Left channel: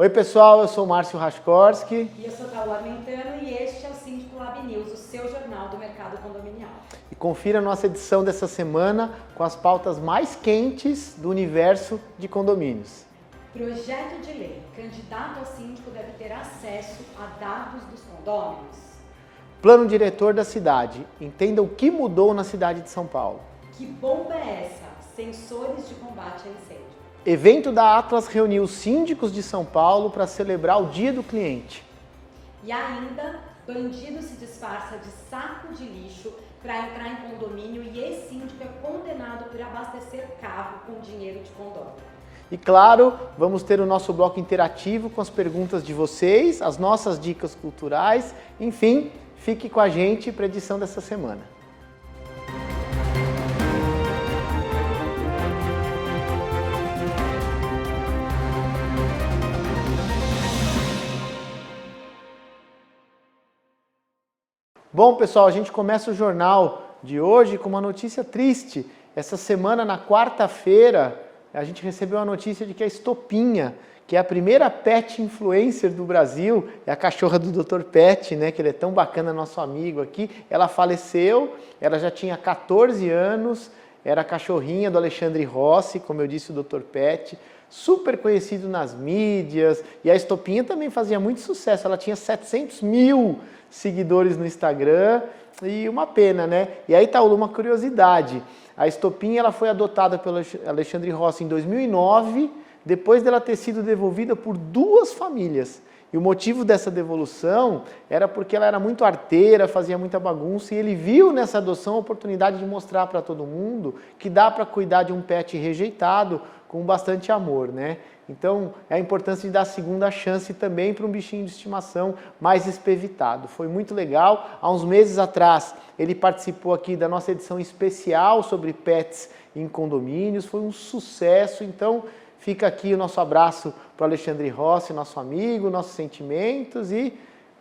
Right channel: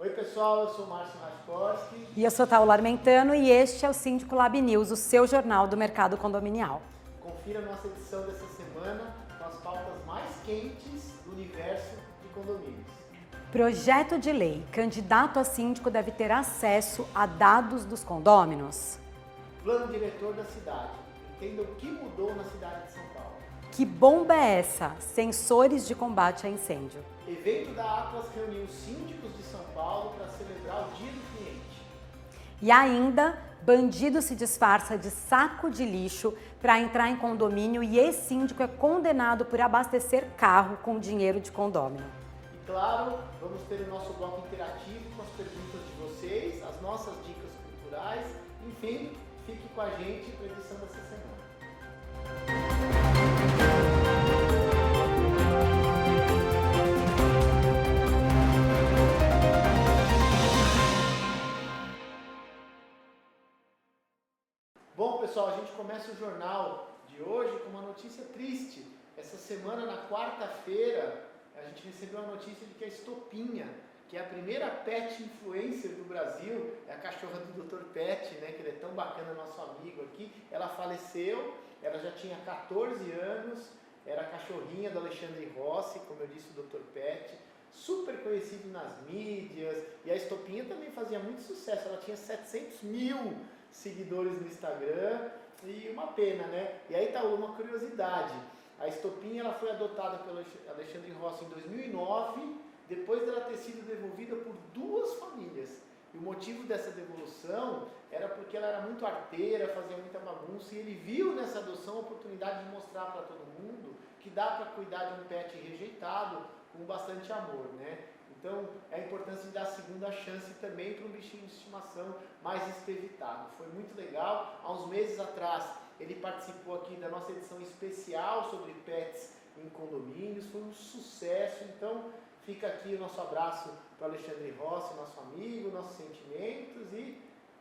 Oi pessoal, eu sou o Márcio Raskorski. E eu sou Taula Armentano e este é o Síndico Lab News, o seu jornal do mercado condominial. E confira a nossa edição dessa semana com as pautas mais quentes do universo de condomínios. Projeto de lei, candidato a síndico deve ter acesso a dados dos condôminos. Plano diretor da cidade, entenda o que mudou na cidade de São Paulo. Que bomba é essa? Sensores de combate a incêndio. Evento da Atlas reuniu os síndicos de São Paulo para celebrar o Dia do Cliente. E ainda, bandido se disfarça de saco de lixo para entrar em condomínio e ex-síndico é condenado por abastecer carro com dinheiro de condômino. E claro, vamos ter o nosso bloco interativo com as perguntas de vocês, as nossas dicas culturais, enfim, fique com a gente para a edição dessa semana. Bom, pessoal, a gente começa o jornal de hoje com uma notícia triste. Essa semana, na quarta-feira, a gente recebeu a notícia de que a Estopinha, que é a primeira pet influencer do Brasil, é a cachorra do Dr. Pet, né, que ele é tão bacana, nosso amigo aqui, ela faleceu, ela já tinha 14 anos, era a cachorrinha do Alexandre Rossi, como eu disse, o Dr. Pet, super conhecido nas mídias, e a Estopinha também fazia muito sucesso, ela tinha 700 mil seguidores no Instagram, e uma pena, né? E aí tá uma curiosidade, a Estopinha ela foi adotada pelo Alexandre Rossi em 2009, depois dela ter sido devolvida por duas famílias. E o motivo dessa devolução era porque ela era muito arteira, fazia muita bagunça, e ele viu nessa adoção a oportunidade de mostrar para todo mundo que dá para cuidar de um pet rejeitado com bastante amor, né? Então, é a importância de dar a segunda chance também para um bichinho de estimação mais espevitado. Foi muito legal. Há uns meses atrás, ele participou aqui da nossa edição especial sobre pets em condomínios. Foi um sucesso. Então, fica aqui o nosso abraço para o Alexandre Rossi, nosso amigo, nossos sentimentos. E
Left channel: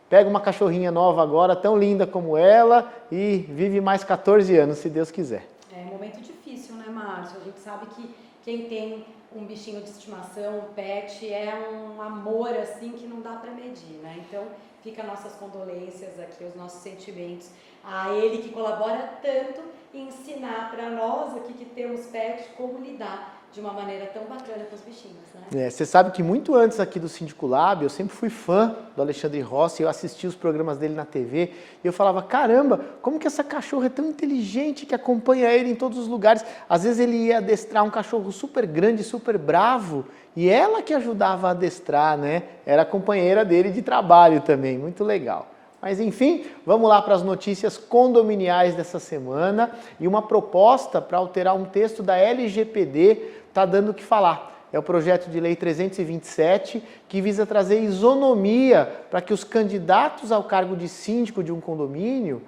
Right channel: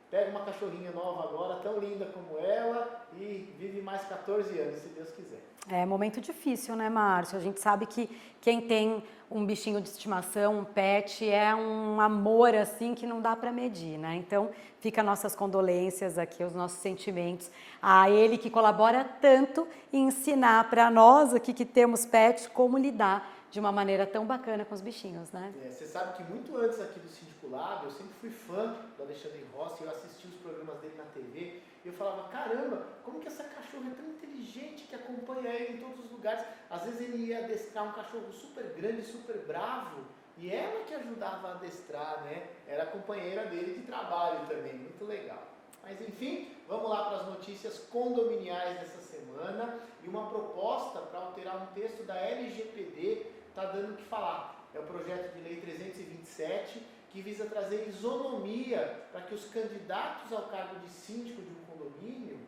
pega uma cachorrinha nova agora, tão linda como ela, e vive mais 14 anos, se Deus quiser. É momento difícil, né, Márcio? A gente sabe que quem tem um bichinho de estimação, um pet, é um amor assim que não dá para medir, né? Então, fica nossas condolências aqui, os nossos sentimentos a ele que colabora tanto em ensinar para nós aqui que temos pet como lidar de uma maneira tão bacana com os bichinhos, né? Você sabe que muito antes aqui do Síndico Lab, eu sempre fui fã do Alexandre Rossi, eu assistia os programas dele na TV, e eu falava, caramba, como que essa cachorra é tão inteligente que acompanha ele em todos os lugares. Às vezes ele ia adestrar um cachorro super grande, super bravo, e ela que ajudava a adestrar, né? Era a companheira dele de trabalho também, muito legal. Mas enfim, vamos lá para as notícias condominiais dessa semana, e uma proposta para alterar um texto da LGPD está dando o que falar. É o projeto de lei 327, que visa trazer isonomia para que os candidatos ao cargo de síndico de um condomínio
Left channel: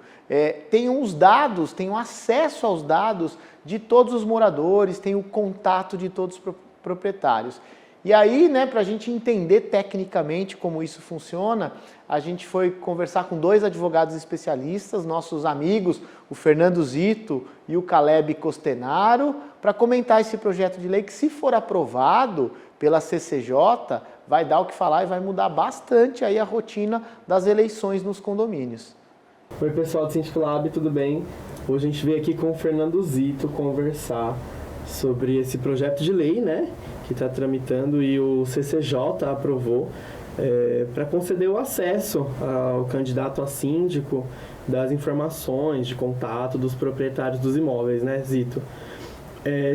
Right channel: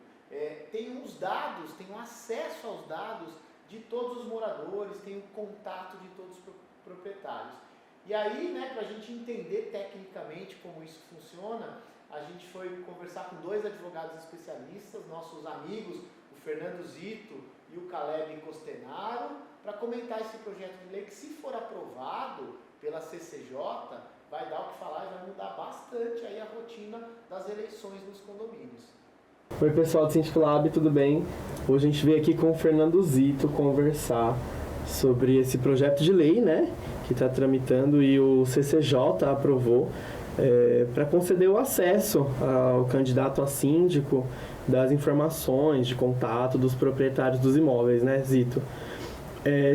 tenham os dados, tenham acesso aos dados de todos os moradores, tenham o contato de todos os proprietários. E aí, né, para a gente entender tecnicamente como isso funciona, a gente foi conversar com dois advogados especialistas, nossos amigos, o Fernando Zito e o Caleb Costenaro, para comentar esse projeto de lei que, se for aprovado pela CCJ, vai dar o que falar e vai mudar bastante aí a rotina das eleições nos condomínios. Oi pessoal do Síndico Lab, tudo bem? Hoje a gente veio aqui com o Fernando Zito conversar sobre esse projeto de lei, né, que está tramitando e o CCJ aprovou para conceder o acesso ao candidato a síndico das informações de contato dos proprietários dos imóveis, né, Zito?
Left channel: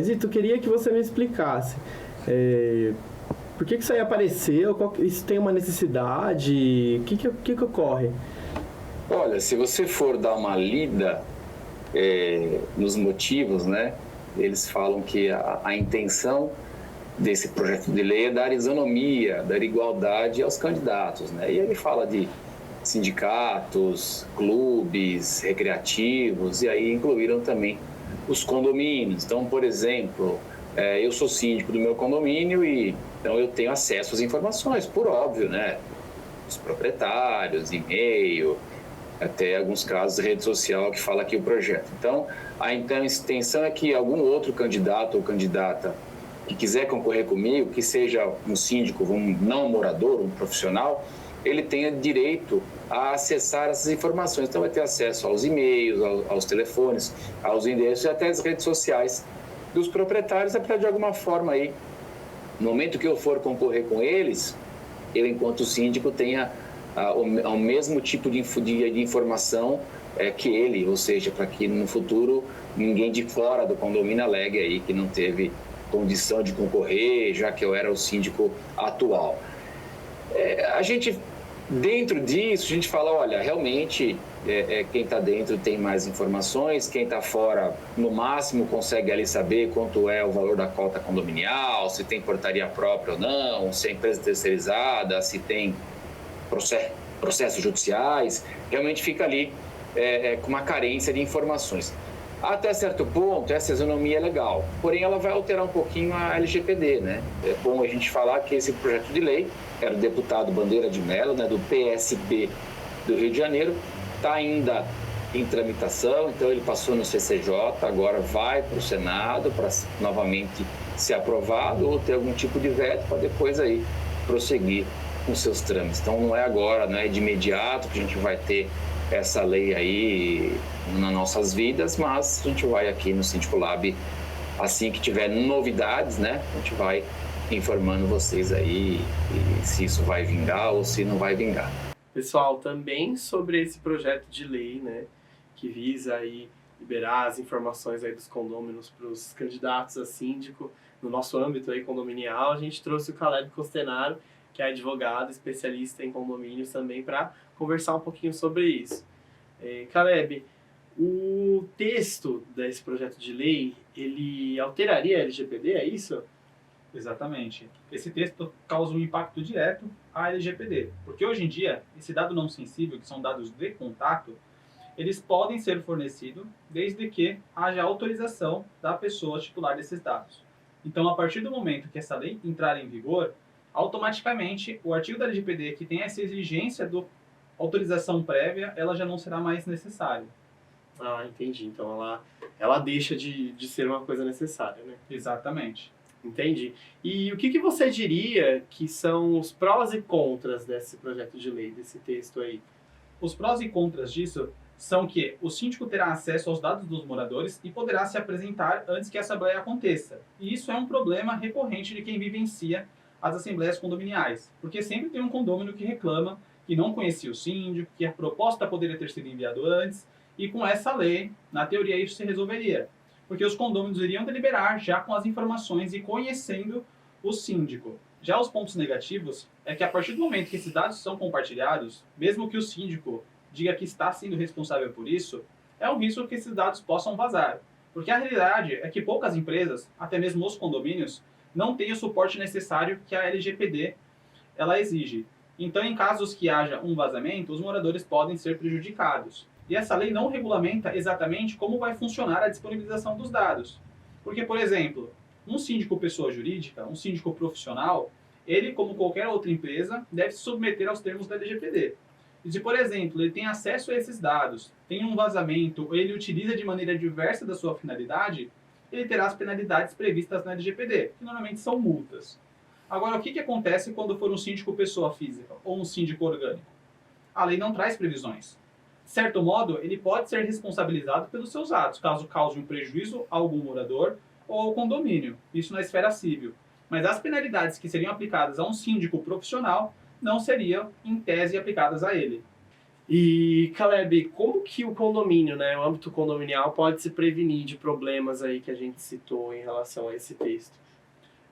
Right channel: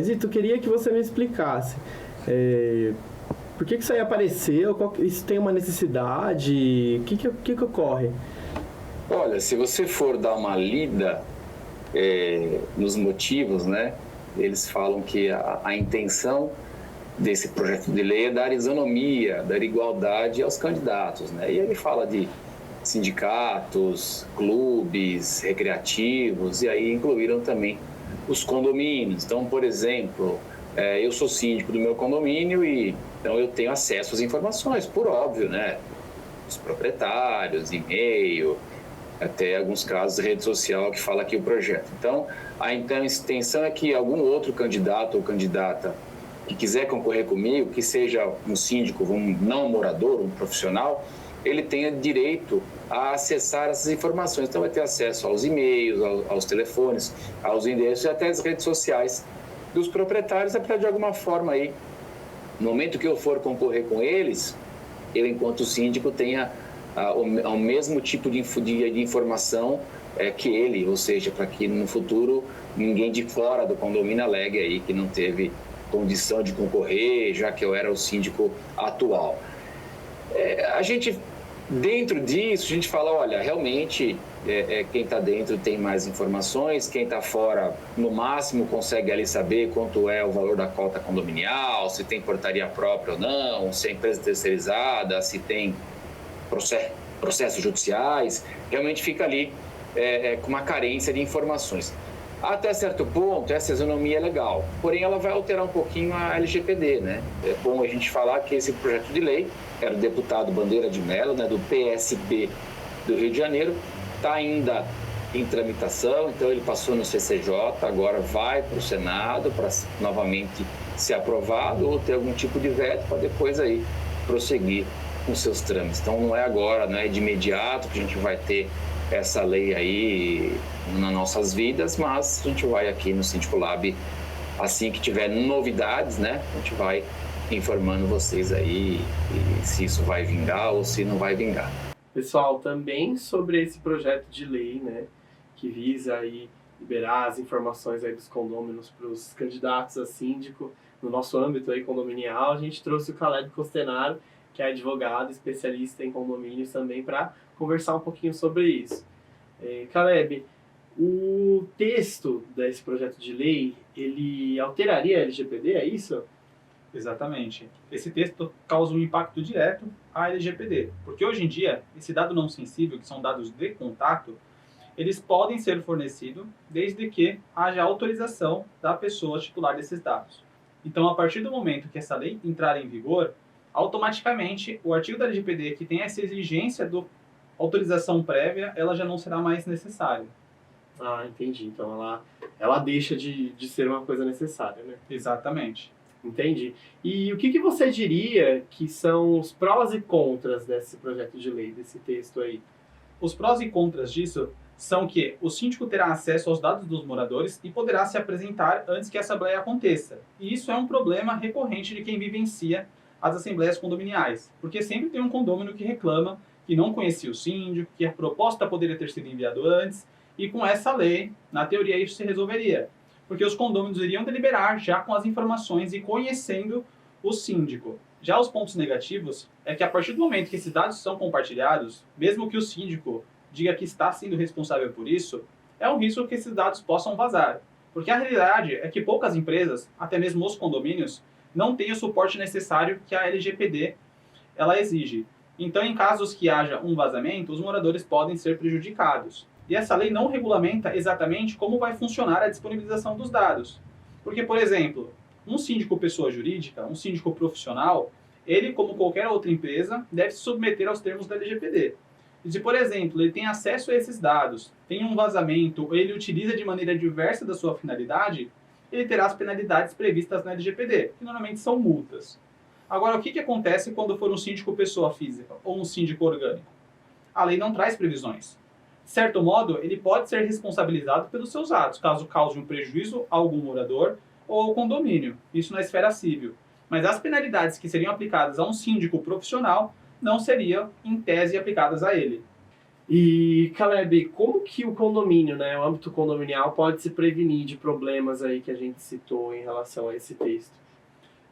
Zito, queria que você me explicasse por que isso aí apareceu, isso tem uma necessidade, o que ocorre? Olha, se você for dar uma lida nos motivos, né, eles falam que a intenção desse projeto de lei é dar isonomia, dar igualdade aos candidatos, né? E ele fala de sindicatos, clubes, recreativos, e aí incluíram também os condomínios. Então, por exemplo, eu sou síndico do meu condomínio e então eu tenho acesso às informações, por óbvio, né? Os proprietários, e-mail, até alguns casos rede social que fala aqui o projeto. Então, a intenção é que algum outro candidato ou candidata que quiser concorrer comigo, que seja um síndico, não um morador, um profissional, ele tenha direito a acessar essas informações. Então vai ter acesso aos e-mails, aos telefones, aos endereços e até as redes sociais dos proprietários, é para de alguma forma aí, no momento que eu for concorrer com eles, eu enquanto síndico tenha o mesmo tipo de informação que ele, ou seja, para que no futuro ninguém de fora do condomínio alegue aí que não teve condição de concorrer, já que eu era o síndico atual. A gente, dentro disso, a gente fala, olha, realmente quem está dentro tem mais informações, quem está fora, no máximo, consegue ali saber quanto é o valor da cota condominial, se tem portaria própria ou não, se é empresa terceirizada, se tem processos judiciais, realmente fica ali com uma carência de informações. Até certo ponto, essa isonomia é legal, porém ela vai alterar um pouquinho a LGPD, né? É bom a gente falar que esse projeto de lei, era o deputado Bandeira de Mello, né, do PSB do Rio de Janeiro, está ainda em tramitação, então ele passou no CCJ, agora vai para o Senado para novamente ser aprovado ou ter algum tipo de veto para depois aí prosseguir com seus trâmites. Então não é agora, não é de imediato que a gente vai ter essa lei aí nas nossas vidas, mas a gente vai aqui no Síndico Lab, assim que tiver novidades, né, a gente vai informando vocês aí se isso vai vingar ou se não vai vingar. Pessoal, também sobre esse projeto de lei, né, que visa aí liberar as informações aí dos condôminos para os candidatos a síndico no nosso âmbito aí condominial, a gente trouxe o Caleb Costenaro, que é advogado, especialista em condomínios também, para conversar um pouquinho sobre isso. Caleb, o texto desse projeto de lei, ele alteraria a LGPD, é isso? Exatamente. Esse texto causa um impacto direto à LGPD, porque hoje em dia, esse dado não sensível, que são dados de contato, eles podem ser fornecidos desde que haja autorização da pessoa titular desses dados. Então, a partir do momento que essa lei entrar em vigor, automaticamente o artigo da LGPD que tem essa exigência de autorização prévia, ela já não será mais necessária. Ah, entendi. Então ela deixa de ser uma coisa necessária, né? Exatamente. Entendi. E o que você diria que são os prós e contras desse projeto de lei, desse texto aí? Os prós e contras disso são que o síndico terá acesso aos dados dos moradores e poderá se apresentar antes que a assembleia aconteça. E isso é um problema recorrente de quem vivencia as assembleias condominiais, porque sempre tem um condômino que reclama que não conhecia o síndico, que a proposta poderia ter sido enviada antes, e com essa lei, na teoria, isso se resolveria. Porque os condôminos iriam deliberar já com as informações e conhecendo o síndico. Já os pontos negativos é que a partir do momento que esses dados são compartilhados, mesmo que o síndico diga que está sendo responsável por isso, é um risco que esses dados possam vazar. Porque a realidade é que poucas empresas, até mesmo os condomínios, não têm o suporte necessário que a LGPD ela exige. Então, em casos que haja um vazamento, os moradores podem ser prejudicados. E essa lei não regulamenta exatamente como vai funcionar a disponibilização dos dados. Porque, por exemplo, um síndico pessoa jurídica, um síndico profissional, ele, como qualquer outra empresa, deve se submeter aos termos da LGPD. E se, por exemplo, ele tem acesso a esses dados, tem um vazamento, ou ele utiliza de maneira diversa da sua finalidade, ele terá as penalidades previstas na LGPD, que normalmente são multas. Agora, o que acontece quando for um síndico pessoa física ou um síndico orgânico? A lei não traz previsões. De certo modo, ele pode ser responsabilizado pelos seus atos, caso cause um prejuízo a algum morador ou ao condomínio, isso na esfera civil. Mas as penalidades que seriam aplicadas a um síndico profissional não seriam, em tese, aplicadas a ele. E, Caleb, como que o condomínio, né, o âmbito condominial, pode se prevenir de problemas aí que a gente citou em relação a esse texto?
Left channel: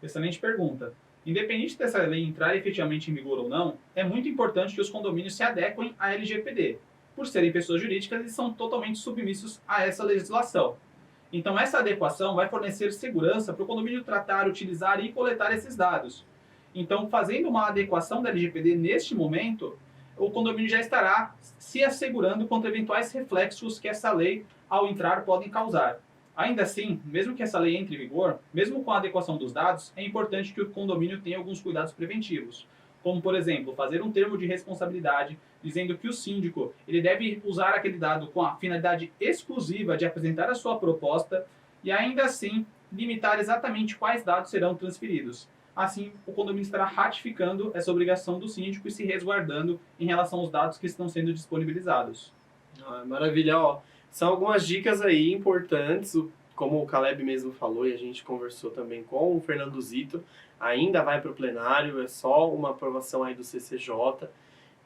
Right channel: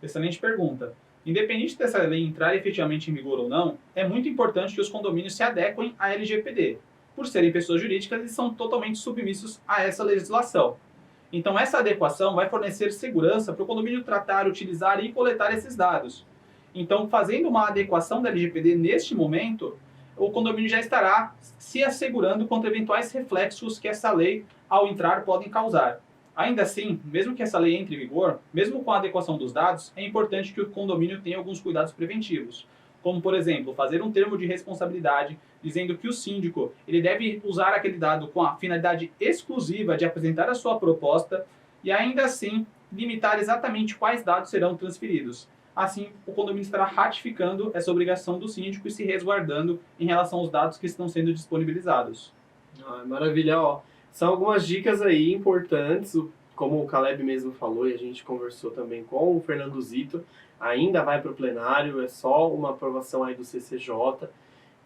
Excelente pergunta. Independente dessa lei entrar efetivamente em vigor ou não, é muito importante que os condomínios se adequem à LGPD. Por serem pessoas jurídicas, eles são totalmente submissos a essa legislação. Então, essa adequação vai fornecer segurança para o condomínio tratar, utilizar e coletar esses dados. Então, fazendo uma adequação da LGPD neste momento, o condomínio já estará se assegurando contra eventuais reflexos que essa lei, ao entrar, podem causar. Ainda assim, mesmo que essa lei entre em vigor, mesmo com a adequação dos dados, é importante que o condomínio tenha alguns cuidados preventivos. Como, por exemplo, fazer um termo de responsabilidade dizendo que o síndico ele deve usar aquele dado com a finalidade exclusiva de apresentar a sua proposta e ainda assim limitar exatamente quais dados serão transferidos. Assim, o condomínio estará ratificando essa obrigação do síndico e se resguardando em relação aos dados que estão sendo disponibilizados. Maravilha, ó. São algumas dicas aí importantes, como o Caleb mesmo falou e a gente conversou também com o Fernando Zito, ainda vai para o plenário, é só uma aprovação aí do CCJ,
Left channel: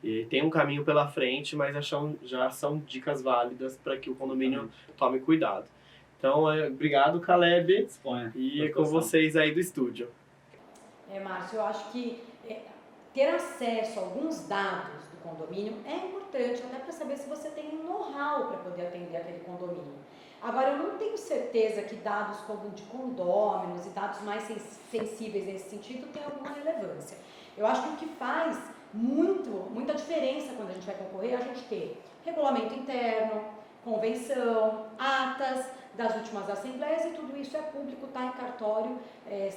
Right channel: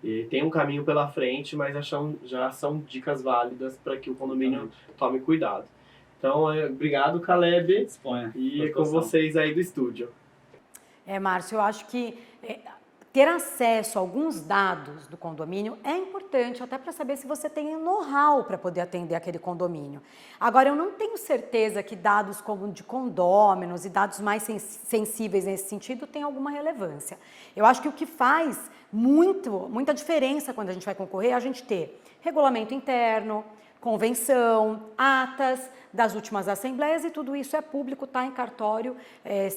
e tem um caminho pela frente, mas já são dicas válidas para que o condomínio tome cuidado. Então, obrigado, Caleb, Disponha. e é com vocês aí do estúdio. Márcio, eu acho que ter acesso a alguns dados do condomínio é importante, até para saber se você tem know-how para poder atender aquele condomínio. Agora, eu não tenho certeza que dados como de condôminos e dados mais sensíveis nesse sentido têm alguma relevância. Eu acho que o que faz muita diferença quando a gente vai concorrer é a gente ter regulamento interno, convenção, atas das últimas assembleias, e tudo isso é público, está em cartório.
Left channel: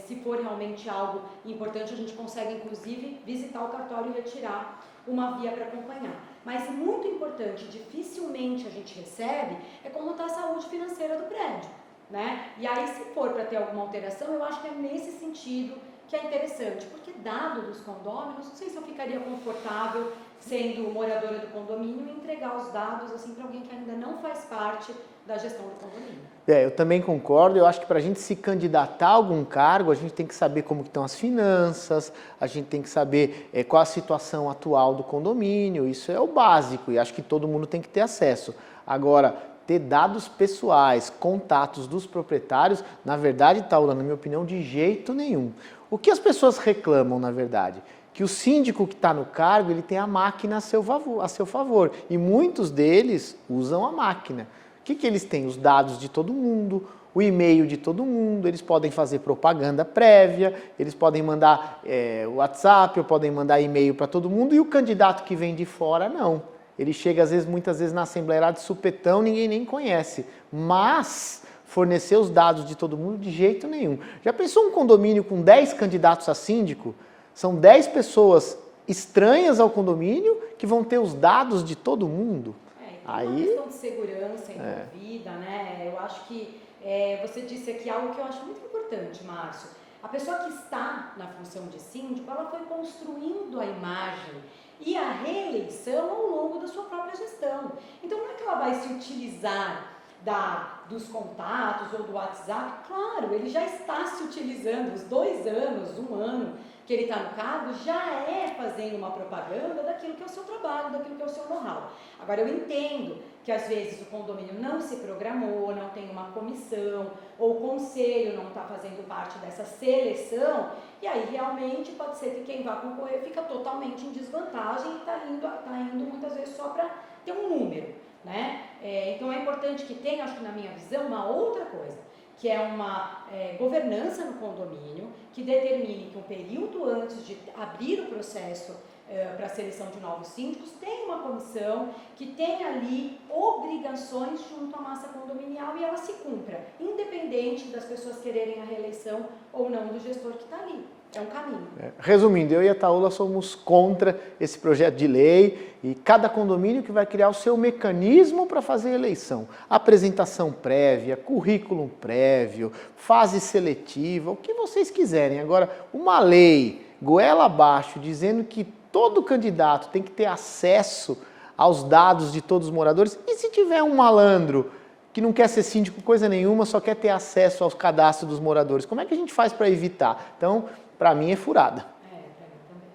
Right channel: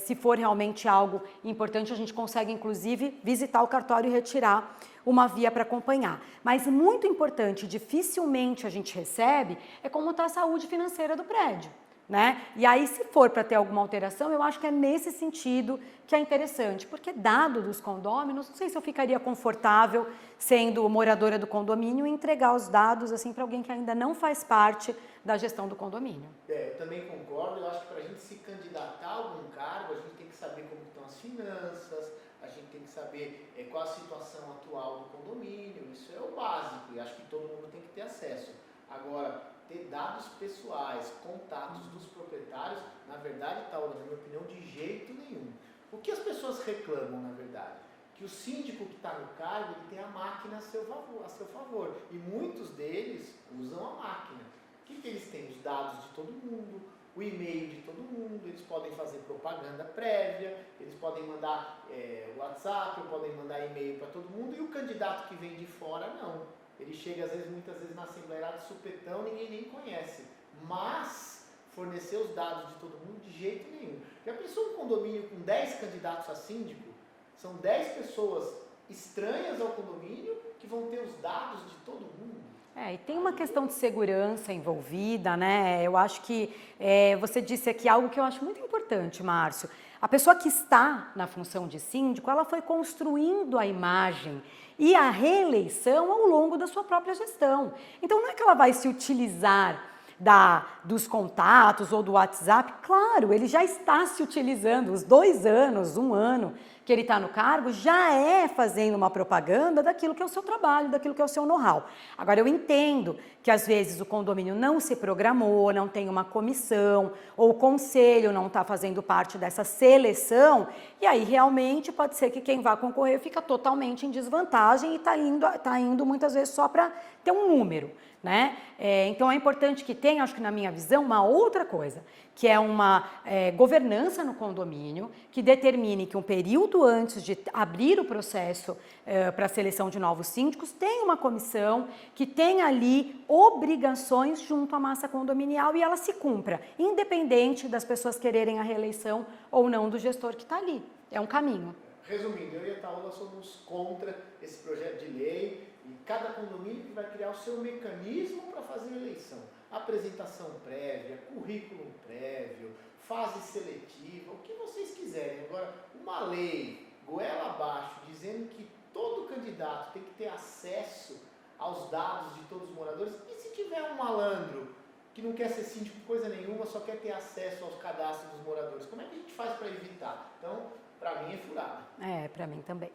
Se for realmente algo importante, a gente consegue inclusive visitar o cartório e retirar uma via para acompanhar. Mas muito importante, dificilmente a gente recebe, é como está a saúde financeira do prédio, né? E aí, se for para ter alguma alteração, eu acho que é nesse sentido que é interessante, porque dado dos condôminos, não sei se eu ficaria confortável sendo moradora do condomínio e entregar os dados assim para alguém que ainda não faz parte da gestão do condomínio. Eu também concordo. Eu acho que para a gente se candidatar a algum cargo, a gente tem que saber como estão as finanças, a gente tem que saber qual a situação atual do condomínio. Isso é o básico e acho que todo mundo tem que ter acesso. Agora, ter dados pessoais, contatos dos proprietários, na verdade, Taula, na minha opinião, de jeito nenhum. O que as pessoas reclamam, na verdade? Que o síndico que está no cargo, ele tem a máquina a seu favor. E muitos deles usam a máquina. O que eles têm? Os dados de todo mundo, o e-mail de todo mundo, eles podem fazer propaganda prévia, eles podem mandar WhatsApp, ou podem mandar e-mail para todo mundo, e o candidato que vem de fora, não. Ele chega, muitas vezes, na Assembleia lá de supetão, ninguém nem conhece. Mas fornecer os dados de todo mundo de jeito nenhum. Já pensou um condomínio com 10 candidatos a síndico? São 10 pessoas estranhas ao condomínio que vão ter os dados de todo mundo. E tem uma questão de segurança envolvida, né? Eu acho que você disse aqui algo que eu acho muito importante, Márcio. A pessoa que está na função de síndico, ela foi construindo a imagem e a reeleição ao longo da sua própria gestão. Então, não é que ela vai se utilizar dos contatos ou do WhatsApp. Claro, ele já está se utilizando, os 2 anos, 1 ano que ele está no cargo, já é fazendo uma propaganda daquilo que é o seu trabalho, daquilo que é o seu know-how. Agora, eu entendo que às vezes o condomínio não se programou, não tem uma comissão, ou o conselho não está fazendo parte dessa seleção, e aí realmente pode ser que quem vai concorrer fica totalmente em desvantagem e está indo muitas vezes só para ter um número, né? Então é importante que tenha, acho que na minha visão, uma outra coisa, que é uma governança no condomínio, que determine que um período antes de abrir o processo para a seleção de novos síndicos, tem uma comissão que tem ali obrigações junto à massa condominial e ela se cumpra, independente das pessoas quererem a reeleição ou não do gestor que está ali. É um caminho. Resumindo, eu e a Taula somos contra esse projeto de lei e cada condomínio que vai criar o seu mecanismo para fazer a eleição. Apresentação prévia, currículo prévio, fase seletiva, o que vocês quiserem. Agora, uma lei goela abaixo dizendo que todo candidato tem que ter acesso aos dados de todos os moradores, e se tiver um malandro que não quer ser síndico coisa nenhuma, só quer ter acesso aos cadastros dos moradores, como é que a gente faz para evitar? Então, para mim é furada. Para mim também.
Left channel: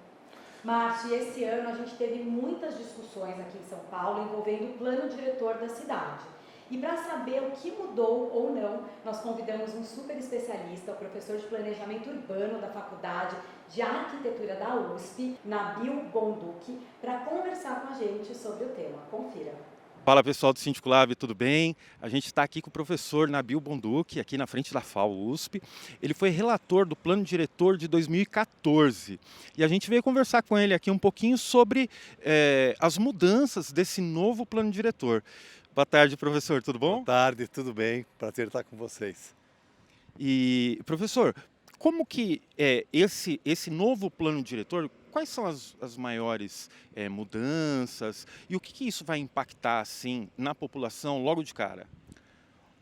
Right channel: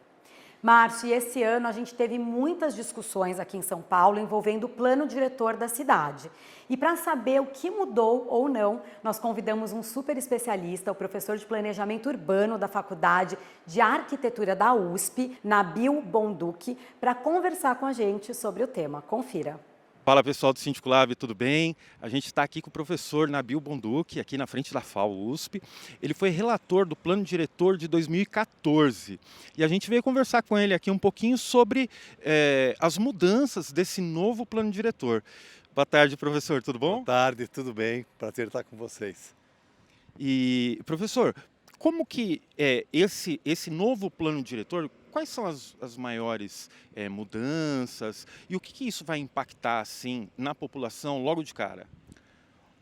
Márcio, e esse ano a gente teve muitas discussões aqui em São Paulo envolvendo o plano diretor da cidade. E para saber o que mudou ou não, nós convidamos um super especialista, o professor de planejamento urbano da Faculdade de Arquitetura da USP, Nabil Bonduki, para conversar com a gente sobre o tema. Confira. Fala pessoal do Síndico Lab, tudo bem? A gente está aqui com o professor Nabil Bonduki, aqui na frente da FAO USP. Ele foi relator do Plano Diretor de 2014 e a gente veio conversar com ele aqui um pouquinho sobre as mudanças desse novo Plano Diretor. Boa tarde, professor, tudo bom? Boa tarde, tudo bem? Prazer estar com vocês. E, professor, como que esse novo Plano Diretor, quais são as maiores mudanças e o que isso vai impactar assim, na população logo de cara?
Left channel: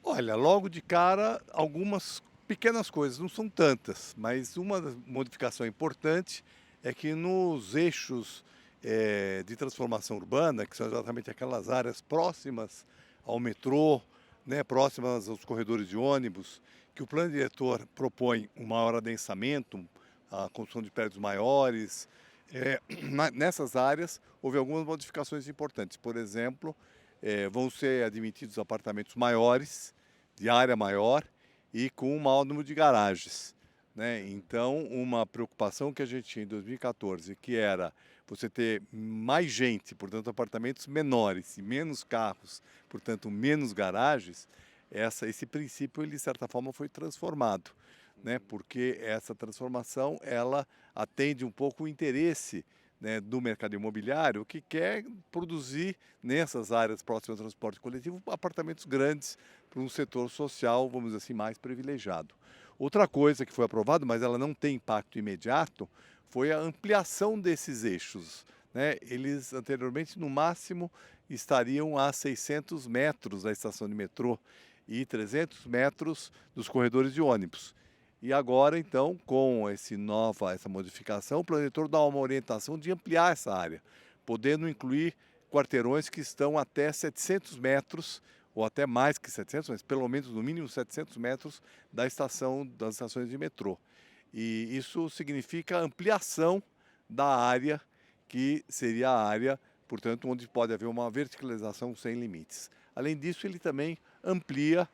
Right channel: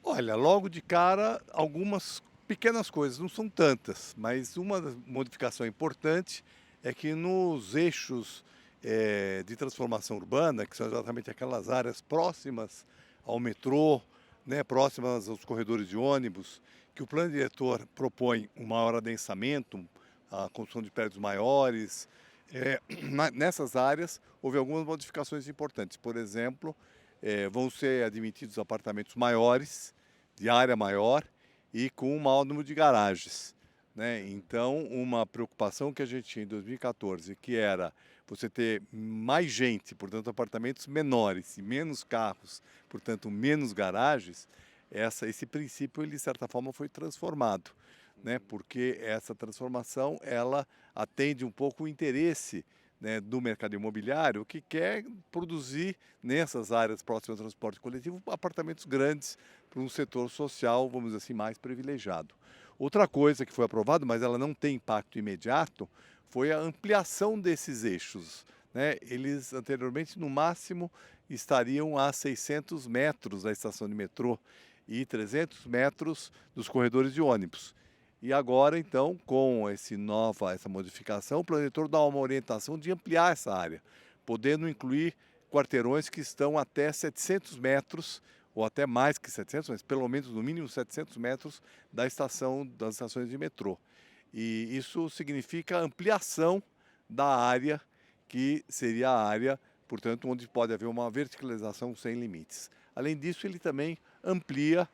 Olha, logo de cara, algumas pequenas coisas, não são tantas, mas uma modificação importante é que nos eixos de transformação urbana, que são exatamente aquelas áreas próximas ao metrô, né, próximas aos corredores de ônibus, que o plano diretor propõe um maior adensamento, a construção de prédios maiores. Nessas áreas houve algumas modificações importantes. Por exemplo, vão ser admitidos apartamentos maiores, de área maior e com um maior número de garagens, né? Então, uma preocupação que a gente tinha em 2014, que era você ter mais gente, portanto, apartamentos menores e menos carros, portanto, menos garagens, esse princípio, ele, de certa forma, foi transformado, né? Porque essa transformação, ela atende um pouco o interesse, né, do mercado imobiliário, que quer produzir nessas áreas próximas ao transporte coletivo apartamentos grandes para um setor social, vamos dizer assim, mais privilegiado. Outra coisa que foi aprovada, mas ela não tem impacto imediato, foi a ampliação desses eixos, né? Eles anteriormente, no máximo, estariam a 600 metros da estação de metrô e 300 metros dos corredores de ônibus. E agora, então, com essa modificação, o plano diretor dá uma orientação de ampliar essa área, podendo incluir quarteirões que estão até 700 metros, ou até mais que 700, mas pelo menos no mínimo 700 metros das estações de metrô. E isso significa ampliação da área, que seria a área, portanto, onde pode haver uma verticalização sem limites. Além disso, ele também amplia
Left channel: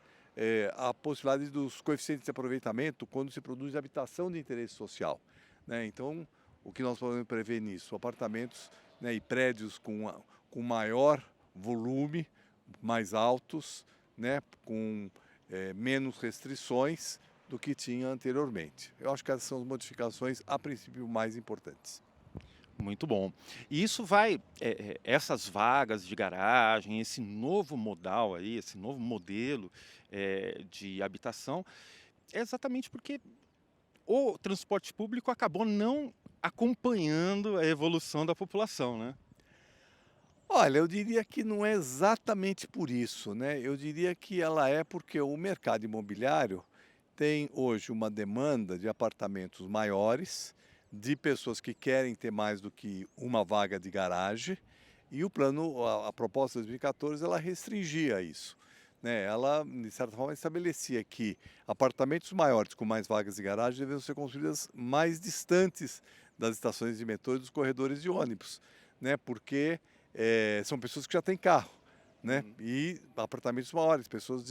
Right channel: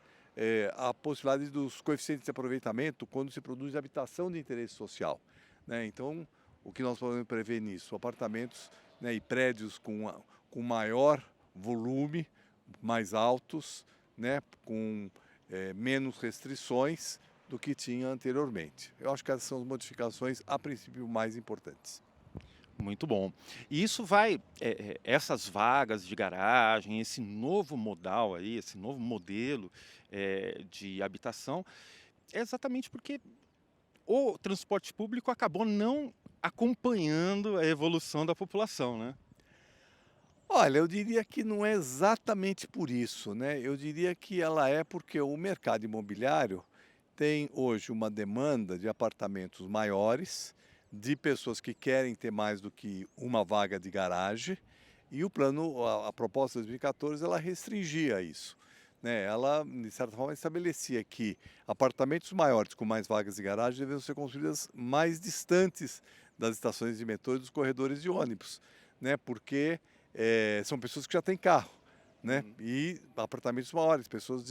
a possibilidade dos coeficientes de aproveitamento quando se produz habitação de interesse social, né? Então, o que nós podemos prever nisso? Apartamentos, né, e prédios com maior volume, mais altos, né, com menos restrições do que tinha anteriormente. Eu acho que essas são as modificações, a princípio, mais importantes. Muito bom. E isso vai, essas vagas de garagem, esse novo modal aí, esse novo modelo de habitação, é exatamente porque o transporte público acabou não acompanhando a evolução da população, né? Olha, eu diria que não é exatamente por isso, né? Eu diria que ela é porque o mercado imobiliário tem hoje uma demanda de apartamentos maiores, de pessoas que querem ter mais do que uma vaga de garagem, e o plano, a proposta de 2014, ela restringia isso, né? Ela, de certa forma, estabelecia que apartamentos maiores com mais vagas de garagem deveriam ser construídos mais distantes das estações de metrô e dos corredores de ônibus, né? Porque são pessoas que já têm carro, né? E apartamentos maiores, pessoas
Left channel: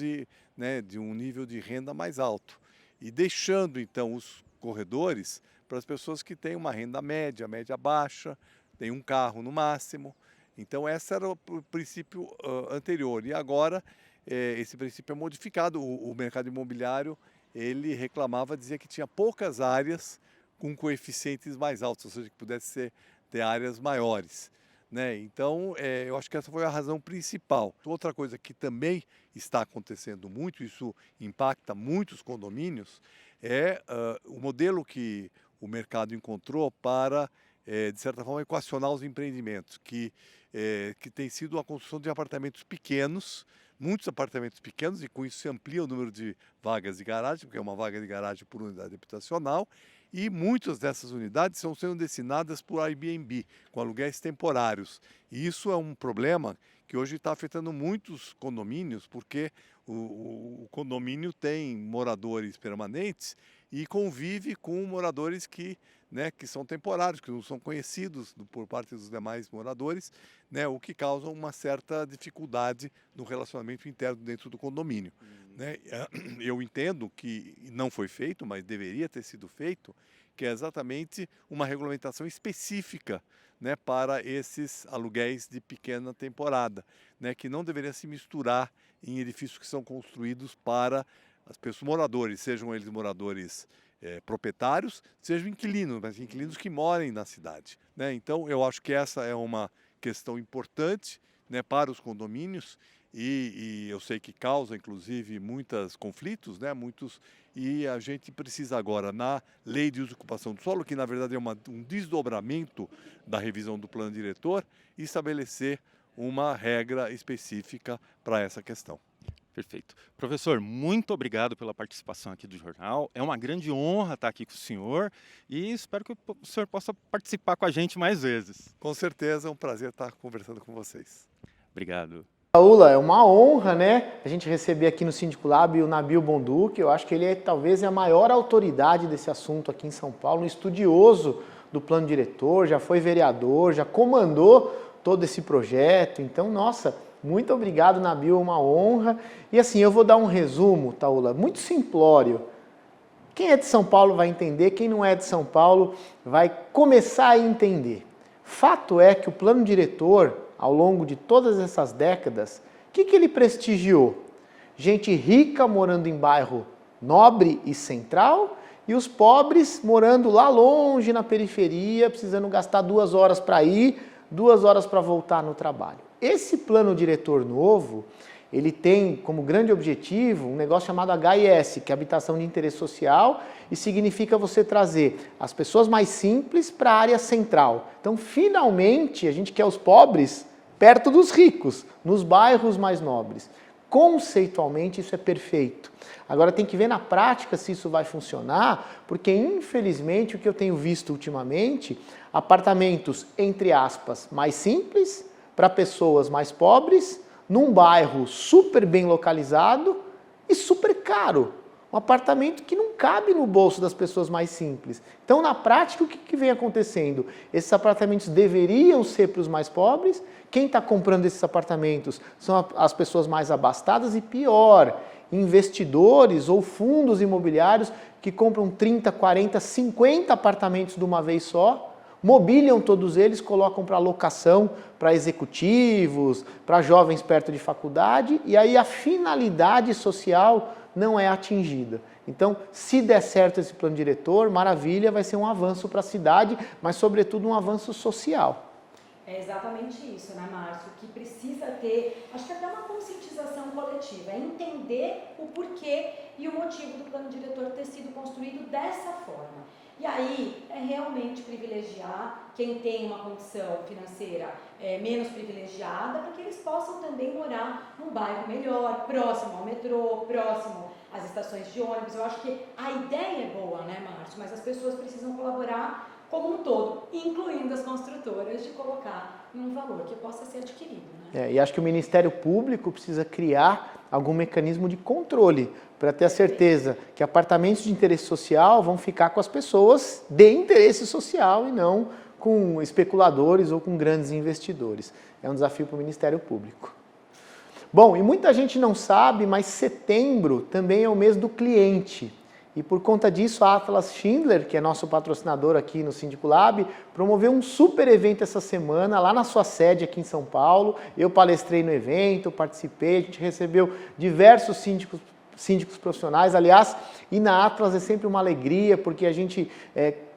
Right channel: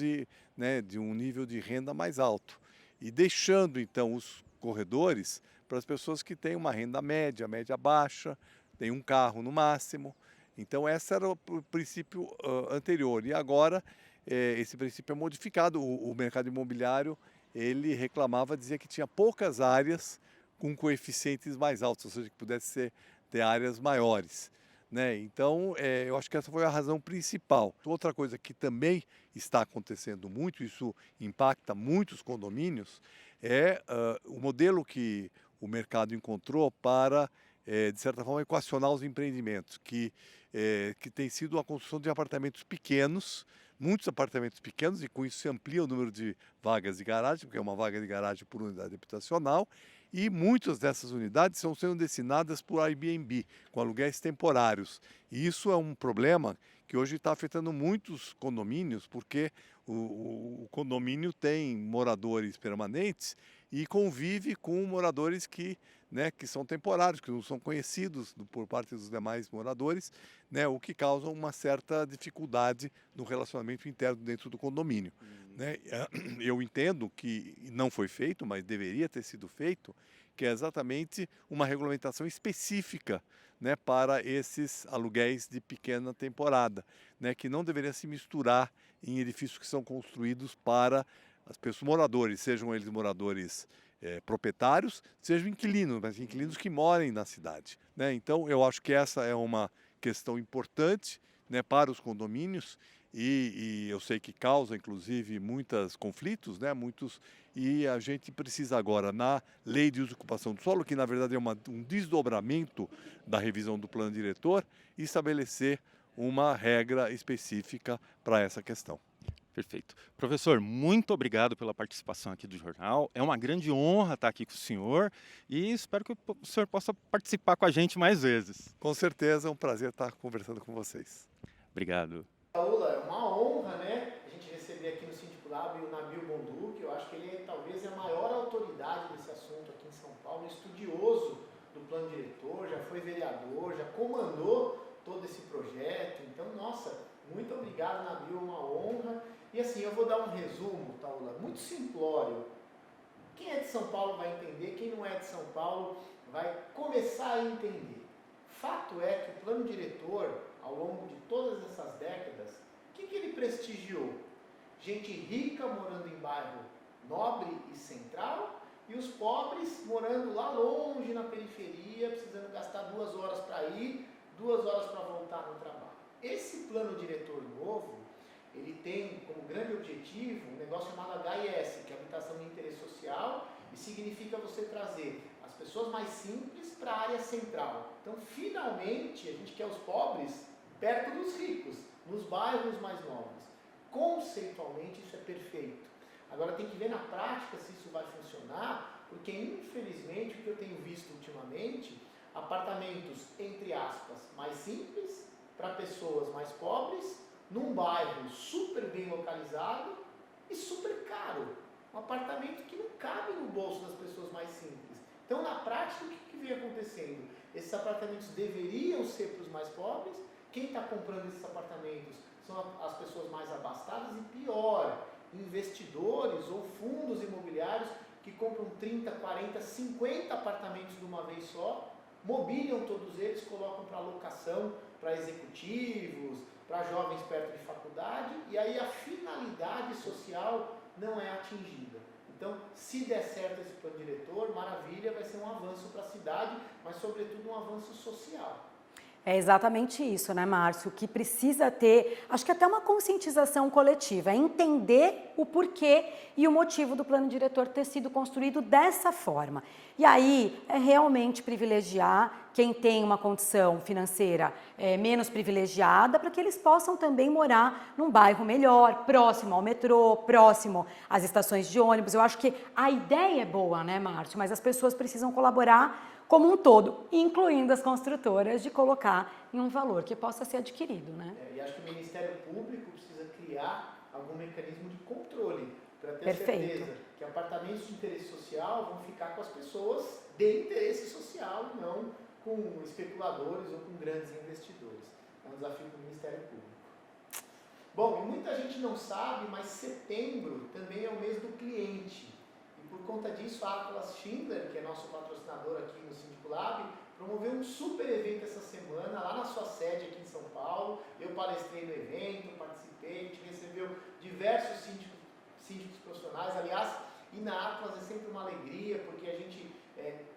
né, de um nível de renda mais alto. E deixando, então, os corredores para as pessoas que têm uma renda média, média baixa, têm um carro no máximo. Então, esse era o princípio anterior. E agora, esse princípio é modificado. O mercado imobiliário, ele reclamava, dizia que tinha poucas áreas com coeficientes mais altos, ou seja, que pudesse ter áreas maiores, né? Então, eu acho que essa foi a razão principal. Outra coisa que também está acontecendo muito, isso impacta muitos condomínios, é o modelo que o mercado encontrou para, de certa forma, equacionar os empreendimentos, que tem sido a construção de apartamentos pequenos, muitos apartamentos pequenos, e com isso se amplia o número de vagas de garagem, porque é uma vaga de garagem por unidade habitacional, e muitas dessas unidades estão sendo destinadas por Airbnb, com aluguéis temporários. E isso é um problema que hoje está afetando muitos condomínios, porque o condomínio tem moradores permanentes e convive com moradores que são temporários, que não são conhecidos por parte dos demais moradores, né, o que causa uma certa dificuldade no relacionamento interno dentro do condomínio. Né? Eu entendo que não foi feito, mas deveria ter sido feito, que é exatamente uma regulamentação específica, né, para esses aluguéis de pequena temporada, né, que não deveria se misturar em edifícios que são construídos para as pessoas, moradores, sejam eles moradores proprietários, sejam inquilinos, mas inquilinos que morem na cidade, né? Então, eu acho que essa é uma questão importante, né, para os condomínios, e eu sei que causa, inclusive, muitos conflitos, né, e a gente precisa agora, na lei de uso e ocupação do solo, que na verdade é um desdobramento da revisão do plano diretor, estabelecer uma regra específica para essa questão. Perfeito. Professor, muito obrigado pela participação aqui do jornal. É uma grande honra estar aqui com o senhor e espero que o senhor possa participar com a gente mais vezes. Com certeza é um prazer estar conversando com vocês. Obrigado. Paula, é uma honra, né, a gente receber aqui no Síndico Lab o Nabil Bonduque. Eu acho que ele talvez é a maior autoridade desse assunto aqui em São Paulo, um estudioso do plano diretor, já foi vereador, já comandou todo esse projeto. Então, nossa, muito obrigado, Nabil, é uma honra. E assim, eu vou dar um resumo, Taula, muito simplório. Quem é de São Paulo vai entender, quem não é de São Paulo vai começar a entender. Fato é que o plano diretor, ao longo de todas essas décadas, o que ele prestigiou? Gente rica morando em bairro nobre e central e os pobres morando lá longe na periferia, precisando gastar 2 horas para ir, 2 horas para voltar no trabalho. Esse plano diretor novo, ele tem como grande objetivo um negócio chamado HIS, que é Habitação de Interesse Social, e significa você trazer as pessoas mais simples para a área central. Então, finalmente, a gente quer os pobres perto dos ricos, nos bairros mais nobres. Conceitualmente, isso é perfeito. Agora, tem que ver na prática se isso vai funcionar, porque, infelizmente, o que eu tenho visto ultimamente, apartamentos, entre aspas, mais simples, para pessoas mais pobres, num bairro super bem localizado e super caro. Um apartamento que não cabe no bolso das pessoas mais simples. Então, na prática, o que vem acontecendo? Esses apartamentos deveriam ser para os mais pobres. Quem está comprando esses apartamentos são as pessoas mais abastadas e, pior, investidores ou fundos imobiliários que compram 30, 40, 50 apartamentos de uma vez só, mobiliam todos eles, colocam para locação, para executivos, para jovens perto de faculdade, e aí a finalidade social não é atingida. Então, se der certo esse plano diretor, maravilha, vai ser um avanço para a cidade, mas sobretudo um avanço social. É exatamente isso, né, Márcio? Que precisa ter, acho que até uma conscientização coletiva, é entender o porquê e o motivo do plano diretor ter sido construído dessa forma. E aí é realmente privilegiar quem tem uma condição financeira menos privilegiada, para que eles possam também morar num bairro melhor, próximo ao metrô, próximo às estações de ônibus. Eu acho que a ideia é boa, né, Márcio? Mas as pessoas precisam colaborar como um todo, incluindo as construtoras, de colocar em um valor que possa ser adquirido, né? E acho que o Ministério Público precisa criar algum mecanismo de controle para ter a certeza que apartamentos de interesse social vão ficar com as pessoas de interesse social e não com especuladores ou com grandes investidores. É um desafio para o Ministério Público. Bom, e muita gente não sabe, mas setembro também é o mês do cliente. E por conta disso, a Atlas Schindler, que é nosso patrocinador aqui no Síndico Lab, promoveu um super evento essa semana, lá na sua sede aqui em São Paulo. Eu palestrei no evento, participei, a gente recebeu diversos síndicos profissionais. Aliás, e na Atlas é sempre uma alegria, porque a gente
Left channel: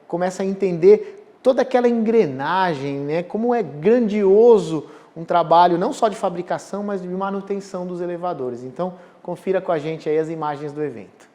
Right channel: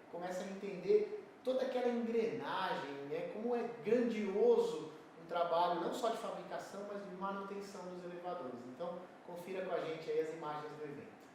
começa a entender toda aquela engrenagem, né? Como é grandioso um trabalho não só de fabricação, mas de manutenção dos elevadores. Então, confira com a gente aí as imagens do evento.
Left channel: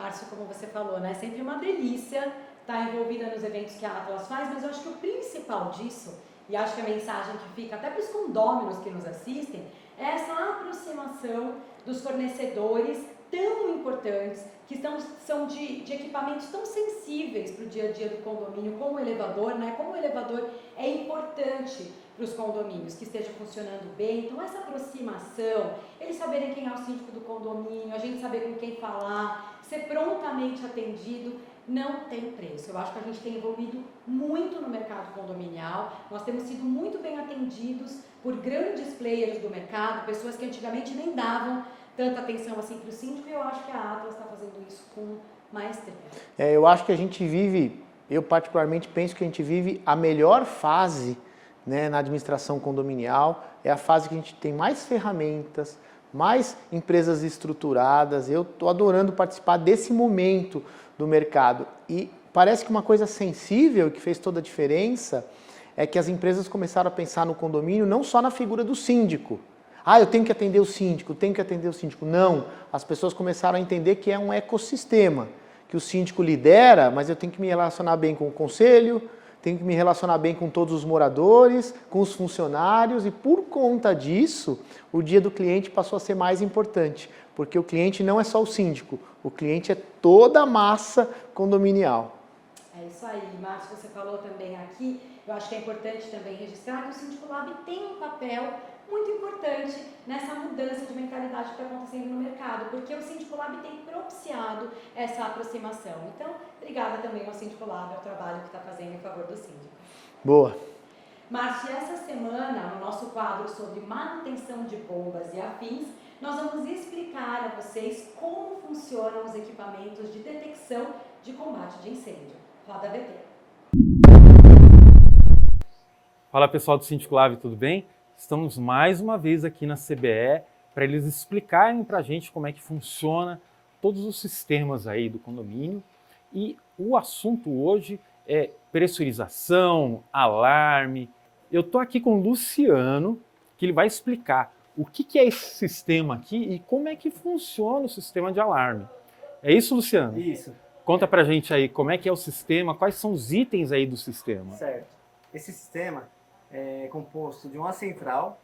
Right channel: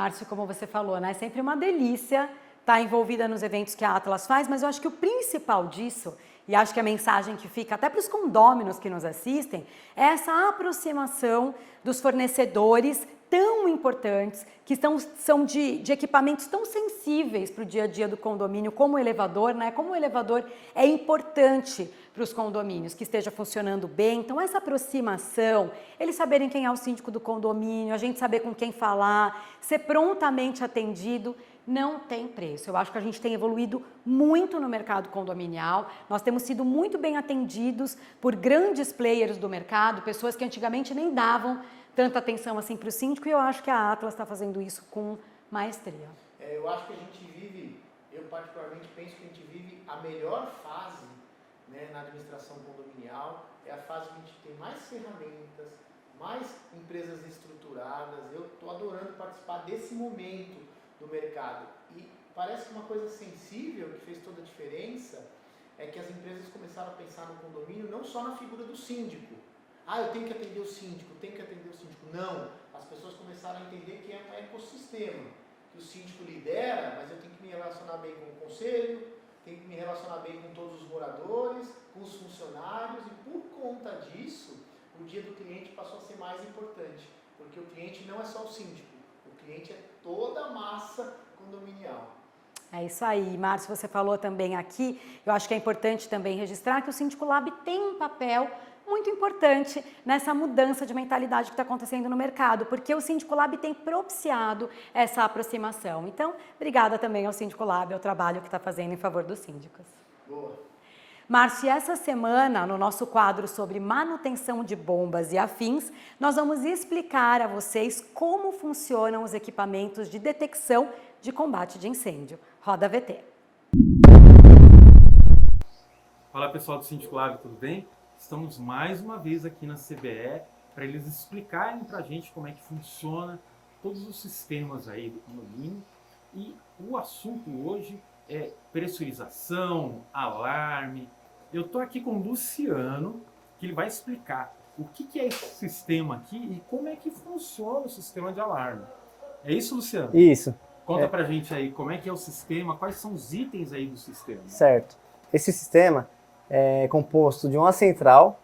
Márcio, como você falou, né? É sempre uma delícia estar envolvida nos eventos que a Atlas faz, mas eu acho que o principal disso, e acho que a mensagem que fica até para os condôminos que nos assistem, é essa aproximação dos fornecedores tão importantes, que são de equipamentos tão sensíveis para o dia a dia do condomínio, como o elevador, né? Como o elevador é importante para os condomínios, que esteja funcionando bem. Então, essa aproximação, eles saberem quem é o síndico do condomínio, a gente saber com quem falar, ser prontamente atendido, não tem preço. Eu acho que a gente tem evoluído muito no mercado condominial, nós temos sido muito bem atendidos por grandes players do mercado, pessoas que antigamente nem davam tanta atenção assim para o síndico, e eu acho que a Atlas está fazendo isso com maestria. Eu acho que a gente vive, eu particularmente penso que a gente vive a melhor fase, né, na administração condominial, é a fase que a gente tem mais ferramentas, mais empresas estruturadas. Eu estou adorando participar desse momento do mercado. E parece que uma coisa sensível que fez toda a diferença é que as empresas começaram a pensar no condomínio não só na figura do síndico. Eu tenho que atender o síndico, tenho que atender o síndico. Não, as pessoas começaram a entender que é um ecossistema, que o síndico lidera, mas eu tenho que me relacionar bem com o conselho, tenho que me relacionar bem com todos os moradores, com os funcionários, e por conta disso, o dia do cliente passou a ser mais importante, porque o cliente não é só o síndico, o cliente é toda a massa condominial. É isso aí, Márcio, você falou também aqui, eu acho que é importante também registrar que o Síndico Lab tem um papel muito importante nessa mudança de mentalidade que está acontecendo no mercado, porque o Síndico Lab tem propiciado essa aproximação. Então, obrigada também ao Síndico Lab, ao trabalho que está fazendo em favor dos síndicos. Boa. Márcio, essa semana, no nosso quadro sobre manutenção de bombas e afins, nós vamos explicar a vocês como funcionam os equipamentos de detecção de combate de incêndio. Roda a VT. Fala pessoal do Síndico Lab, tudo bem? Estamos mais uma vez aqui na CBE para eles explicarem para a gente como é que funciona todos os sistemas aí do condomínio. E o assunto hoje é pressurização, alarme. Eu estou aqui com o Luciano, que ele vai explicar o que é esse sistema aqui e como é que funciona o sistema de alarme. É isso, Luciano? Isso. Conta pra gente aí como é que é o sistema, quais são os itens aí do sistema. Certo. Esse sistema é composto de uma central,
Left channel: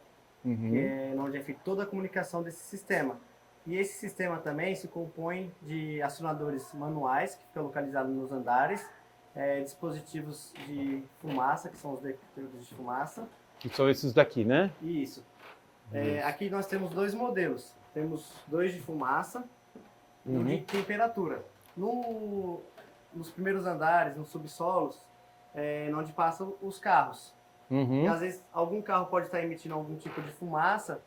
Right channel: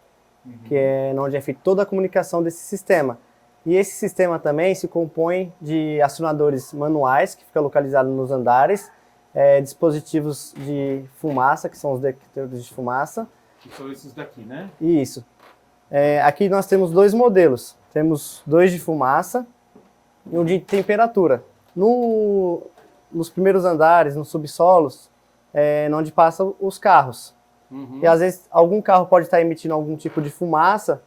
que é onde é feita toda a comunicação desse sistema. E esse sistema também se compõe de acionadores manuais, que ficam localizados nos andares, dispositivos de fumaça, que são os detectores de fumaça. Que são esses daqui, né? Isso. Aqui nós temos dois modelos. Temos dois de fumaça e um de temperatura. Nos primeiros andares, nos subsolos, onde passam os carros. E às vezes algum carro pode estar emitindo algum tipo de fumaça,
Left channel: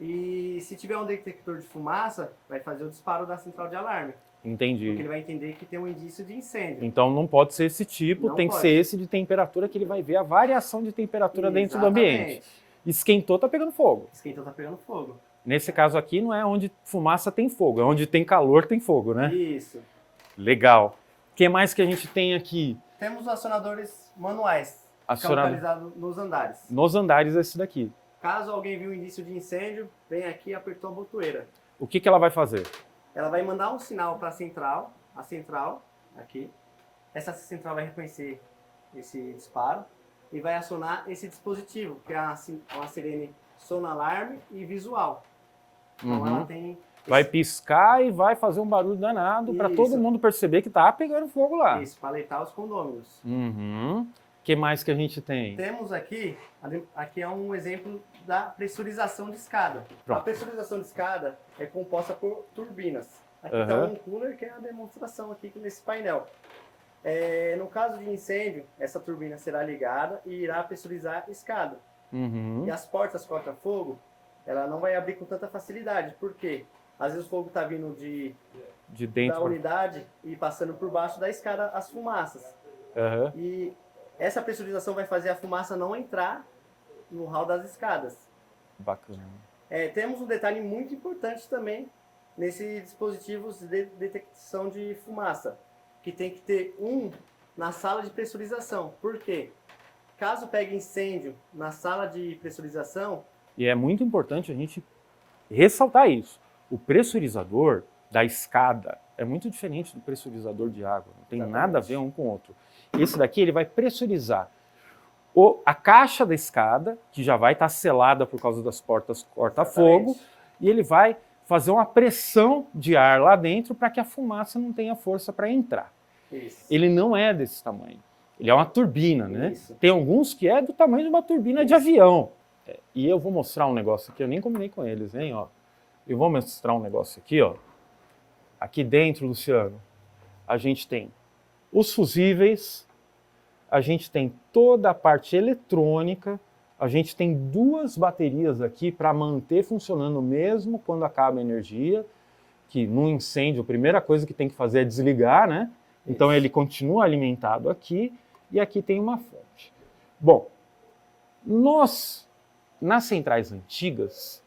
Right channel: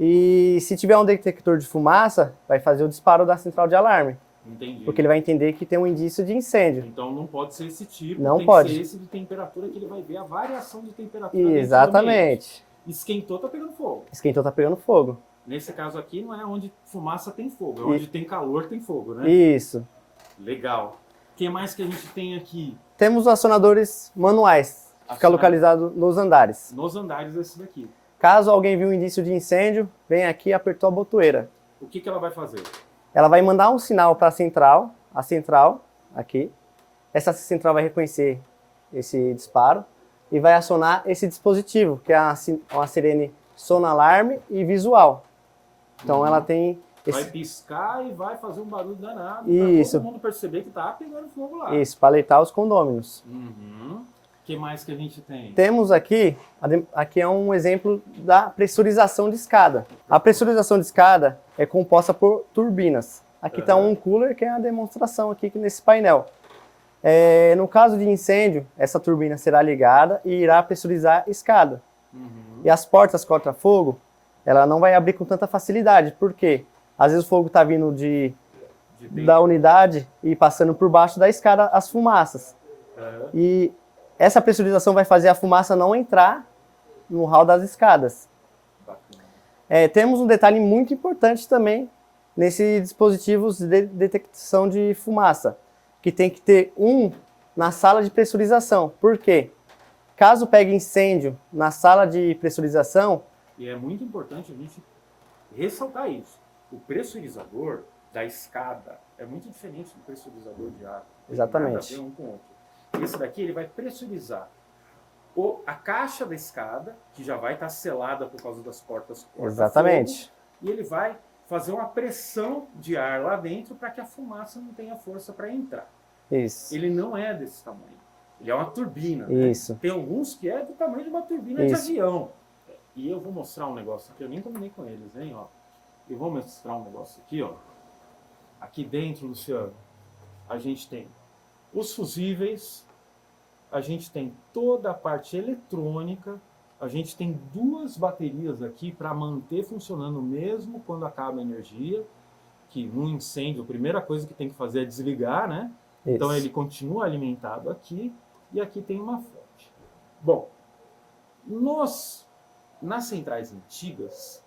e se tiver um detector de fumaça, vai fazer o disparo da central de alarme. Entendi. Porque ele vai entender que tem um indício de incêndio. Então não pode ser esse tipo, Não tem pode. que ser esse de temperatura, que ele vai ver a variação de temperatura dentro do ambiente. Exatamente. Esquentou, tá pegando fogo. Esquentou, tá pegando fogo. Nesse caso aqui não é onde fumaça tem fogo, é onde tem calor tem fogo, né? Isso. Legal. O que mais que a gente tem aqui? Temos os acionadores manuais, fica localizado nos andares. Nos andares esse daqui. Caso alguém viu um indício de incêndio, vem aqui e apertou a botoeira. O que ela vai fazer? Ela vai mandar um sinal para a central, aqui. Essa central vai reconhecer esse disparo e vai acionar esse dispositivo, que é uma sirene sonalarme e visual. Então ela tem... Vai piscar e vai fazer um barulho danado para todo mundo perceber que tá pegando fogo lá. Isso, para alertar os condôminos. O que mais que a gente tem? Temos aqui é um exemplo da pressurização de escada. A pressurização de escada é composta por turbinas. Aqui está um cooler, que é a demonstração aqui nesse painel. No caso de incêndio, essa turbina será ligada e irá pressurizar a escada. E as portas corta-fogo, ela não vai abrir com tanta facilidade. Por quê? Às vezes o fogo está vindo da unidade e passando por baixo da escada as fumaças. E essa pressurização vai fazer a fumaça não entrar no hall das escadas. Bacana. Temos um detalhe muito importante também nesses dispositivos de detecção de fumaça, que tem que ter um na sala de pressurização. Por quê? Caso pegue incêndio na sala de pressurização... E é muito importante a gente ressaltar isso. O pressurizador da escada, é muito diferente do pressurizador de água. Não tem Exatamente. nada a ver um com o outro. Esse daqui ele vai pressurizar a caixa da escada, que já vai estar selada por causa das portas corta-fogo, Exatamente. e ele vai fazer uma pressão de ar lá dentro para que a fumaça não tenha força para entrar. Isso. Ele não é desse tamanho. Ele é uma turbina, né? Isso. Tem alguns que é do tamanho de uma turbina de Isso. avião. E eu vou mostrar um negócio aqui, eu nem combinei com eles, hein? Ó. Eu vou mostrar um negócio aqui, ó. Aqui dentro, Luciano, a gente tem os fusíveis, a gente tem toda a parte eletrônica, a gente tem 2 baterias aqui para manter funcionando mesmo quando acaba a energia, que no incêndio a primeira coisa que tem que fazer é desligar, né? Então Isso. ele continua alimentado aqui e aqui tem uma fonte. Bom, nas centrais antigas,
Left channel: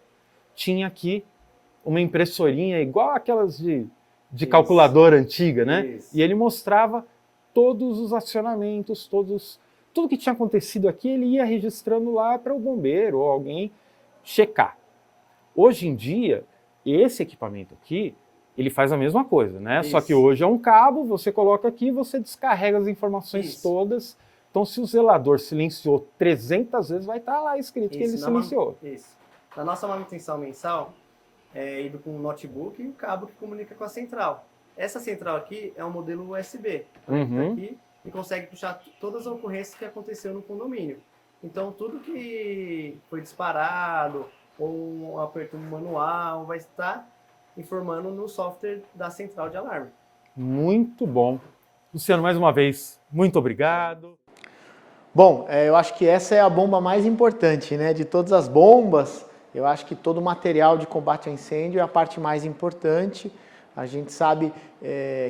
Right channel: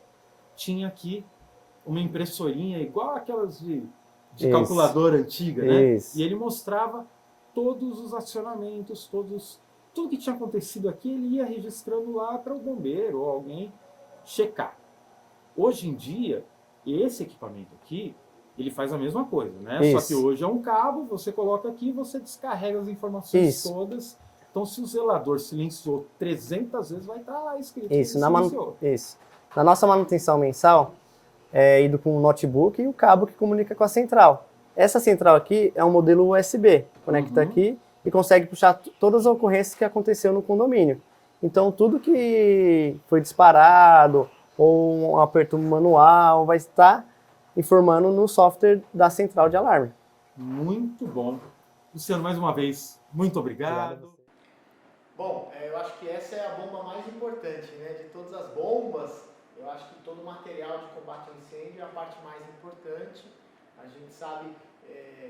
tinha aqui uma impressorinha igual aquelas de Isso. calculadora antiga, né? Isso. E ele mostrava todos os acionamentos, tudo que tinha acontecido aqui, ele ia registrando lá para o bombeiro ou alguém checar. Hoje em dia, esse equipamento aqui, ele faz a mesma coisa, né? Só Isso. que hoje é um cabo, você coloca aqui, você descarrega as informações Isso. todas. Então, se o zelador silenciou 300 vezes, vai estar lá escrito que ele Isso. silenciou. Isso. Na nossa manutenção mensal, é ido com o notebook e o cabo que comunica com a central. Essa central aqui é um modelo USB, conecta aqui e consegue puxar todas as ocorrências que aconteceu no condomínio. Então, tudo que foi disparado ou um aperto manual vai estar informando no software da central de alarme. Muito bom. Luciano, mais uma vez, muito obrigado. Bom, eu acho que essa é a bomba mais importante, né? De todas as bombas, eu acho que todo o material de combate a incêndio é a parte mais importante. A gente sabe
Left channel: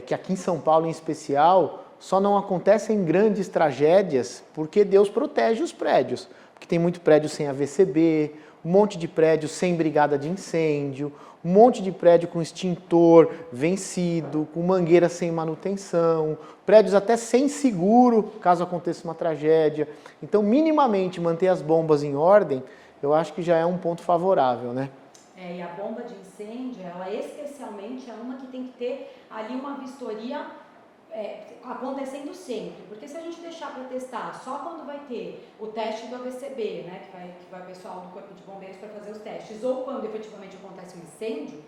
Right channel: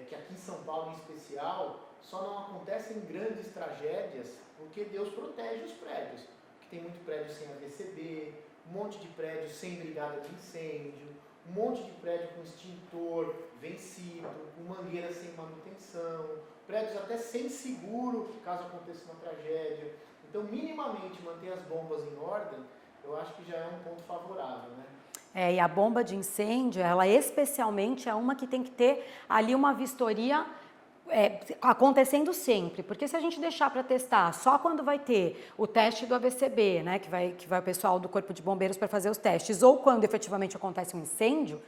que aqui em São Paulo, em especial, só não acontecem grandes tragédias porque Deus protege os prédios. Porque tem muito prédio sem AVCB, um monte de prédio sem brigada de incêndio, um monte de prédio com extintor vencido, com mangueira sem manutenção, prédios até sem seguro, caso aconteça uma tragédia. Então, minimamente, manter as bombas em ordem, eu acho que já é um ponto favorável, né? E a bomba de incêndio, ela especialmente é uma que tem que ter ali uma vistoria acontecendo sempre, porque se a gente deixar para testar só quando vai ter o teste do AVCB, né, que vai o pessoal do Corpo de Bombeiros para fazer os testes, ou quando efetivamente acontece um incêndio,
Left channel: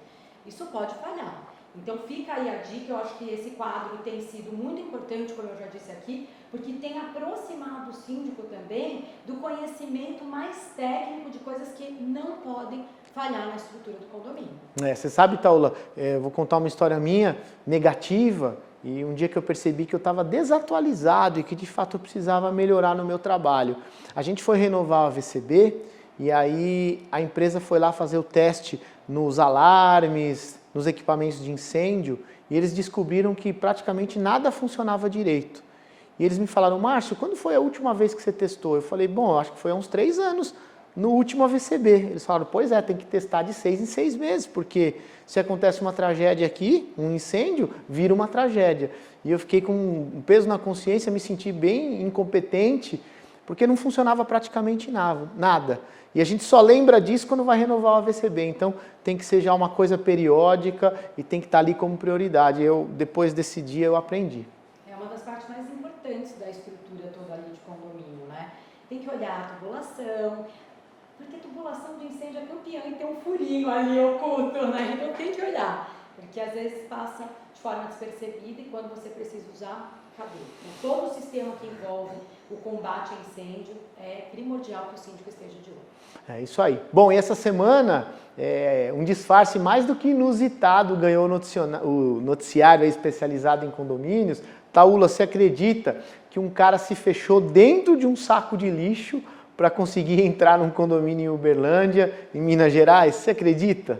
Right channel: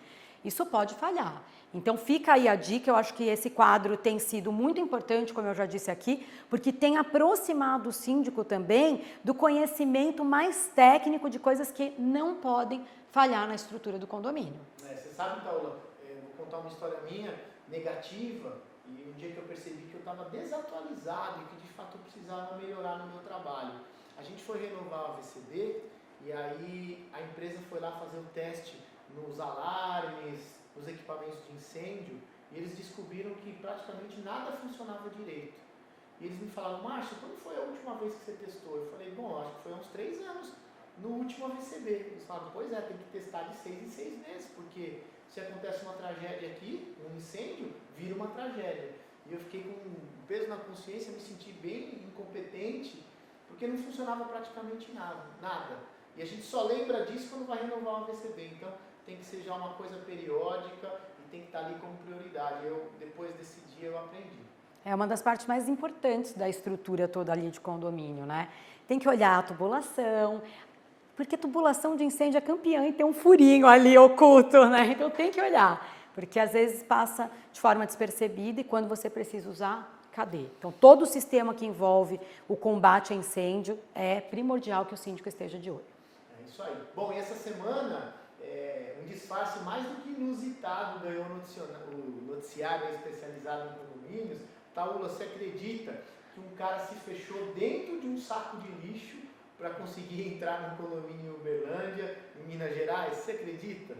isso pode falhar. Então fica aí a dica, eu acho que esse quadro tem sido muito importante, como eu já disse aqui, porque tem aproximado o síndico também do conhecimento mais técnico de coisas que não podem falhar na estrutura do condomínio. Você sabe, Taula, eu vou contar uma história minha, negativa, e um dia que eu percebi que eu estava desatualizado e que de fato eu precisava melhorar no meu trabalho. A gente foi renovar o AVCB e aí a empresa foi lá fazer o teste nos alarmes, nos equipamentos de incêndio e eles descobriram que praticamente nada funcionava direito. E eles me falaram, Márcio, quando foi a última vez que você testou? Eu falei, bom, acho que foi há uns 3 anos no último AVCB. Eles falaram, pois é, tem que testar de 6 em 6 meses, porque se acontece uma tragédia aqui, um incêndio, vira uma tragédia. E eu fiquei com um peso na consciência, me senti bem incompetente, porque não funcionava praticamente nada. E a gente só lembra disso quando vai renovar o AVCB. Então tem que ser já uma coisa periódica e tem que estar ali como prioridade. Depois desse dia eu aprendi. É uma das partes mais importantes da estrutura toda ali de condomínio, né? Tem que olhar a tubulação, porque tubulação de incêndio é campeã e tem um furinho ali oculto, né? Então tem que olhar, porque às vezes passa de forma despercebida e quando você precisa usar, cadê? Então todo o sistema que envolve o combate a incêndio é primordial que o síndico esteja de olho. É isso aí. Bom, e essa semana, um disfarce mais do que inusitado ganhou o noticiário especializado em condomínios. Taula, você acredita que um cara se fechou dentro de um saco de lixo para conseguir entrar num condomínio em Uberlândia, em Minas Gerais? Você acredita?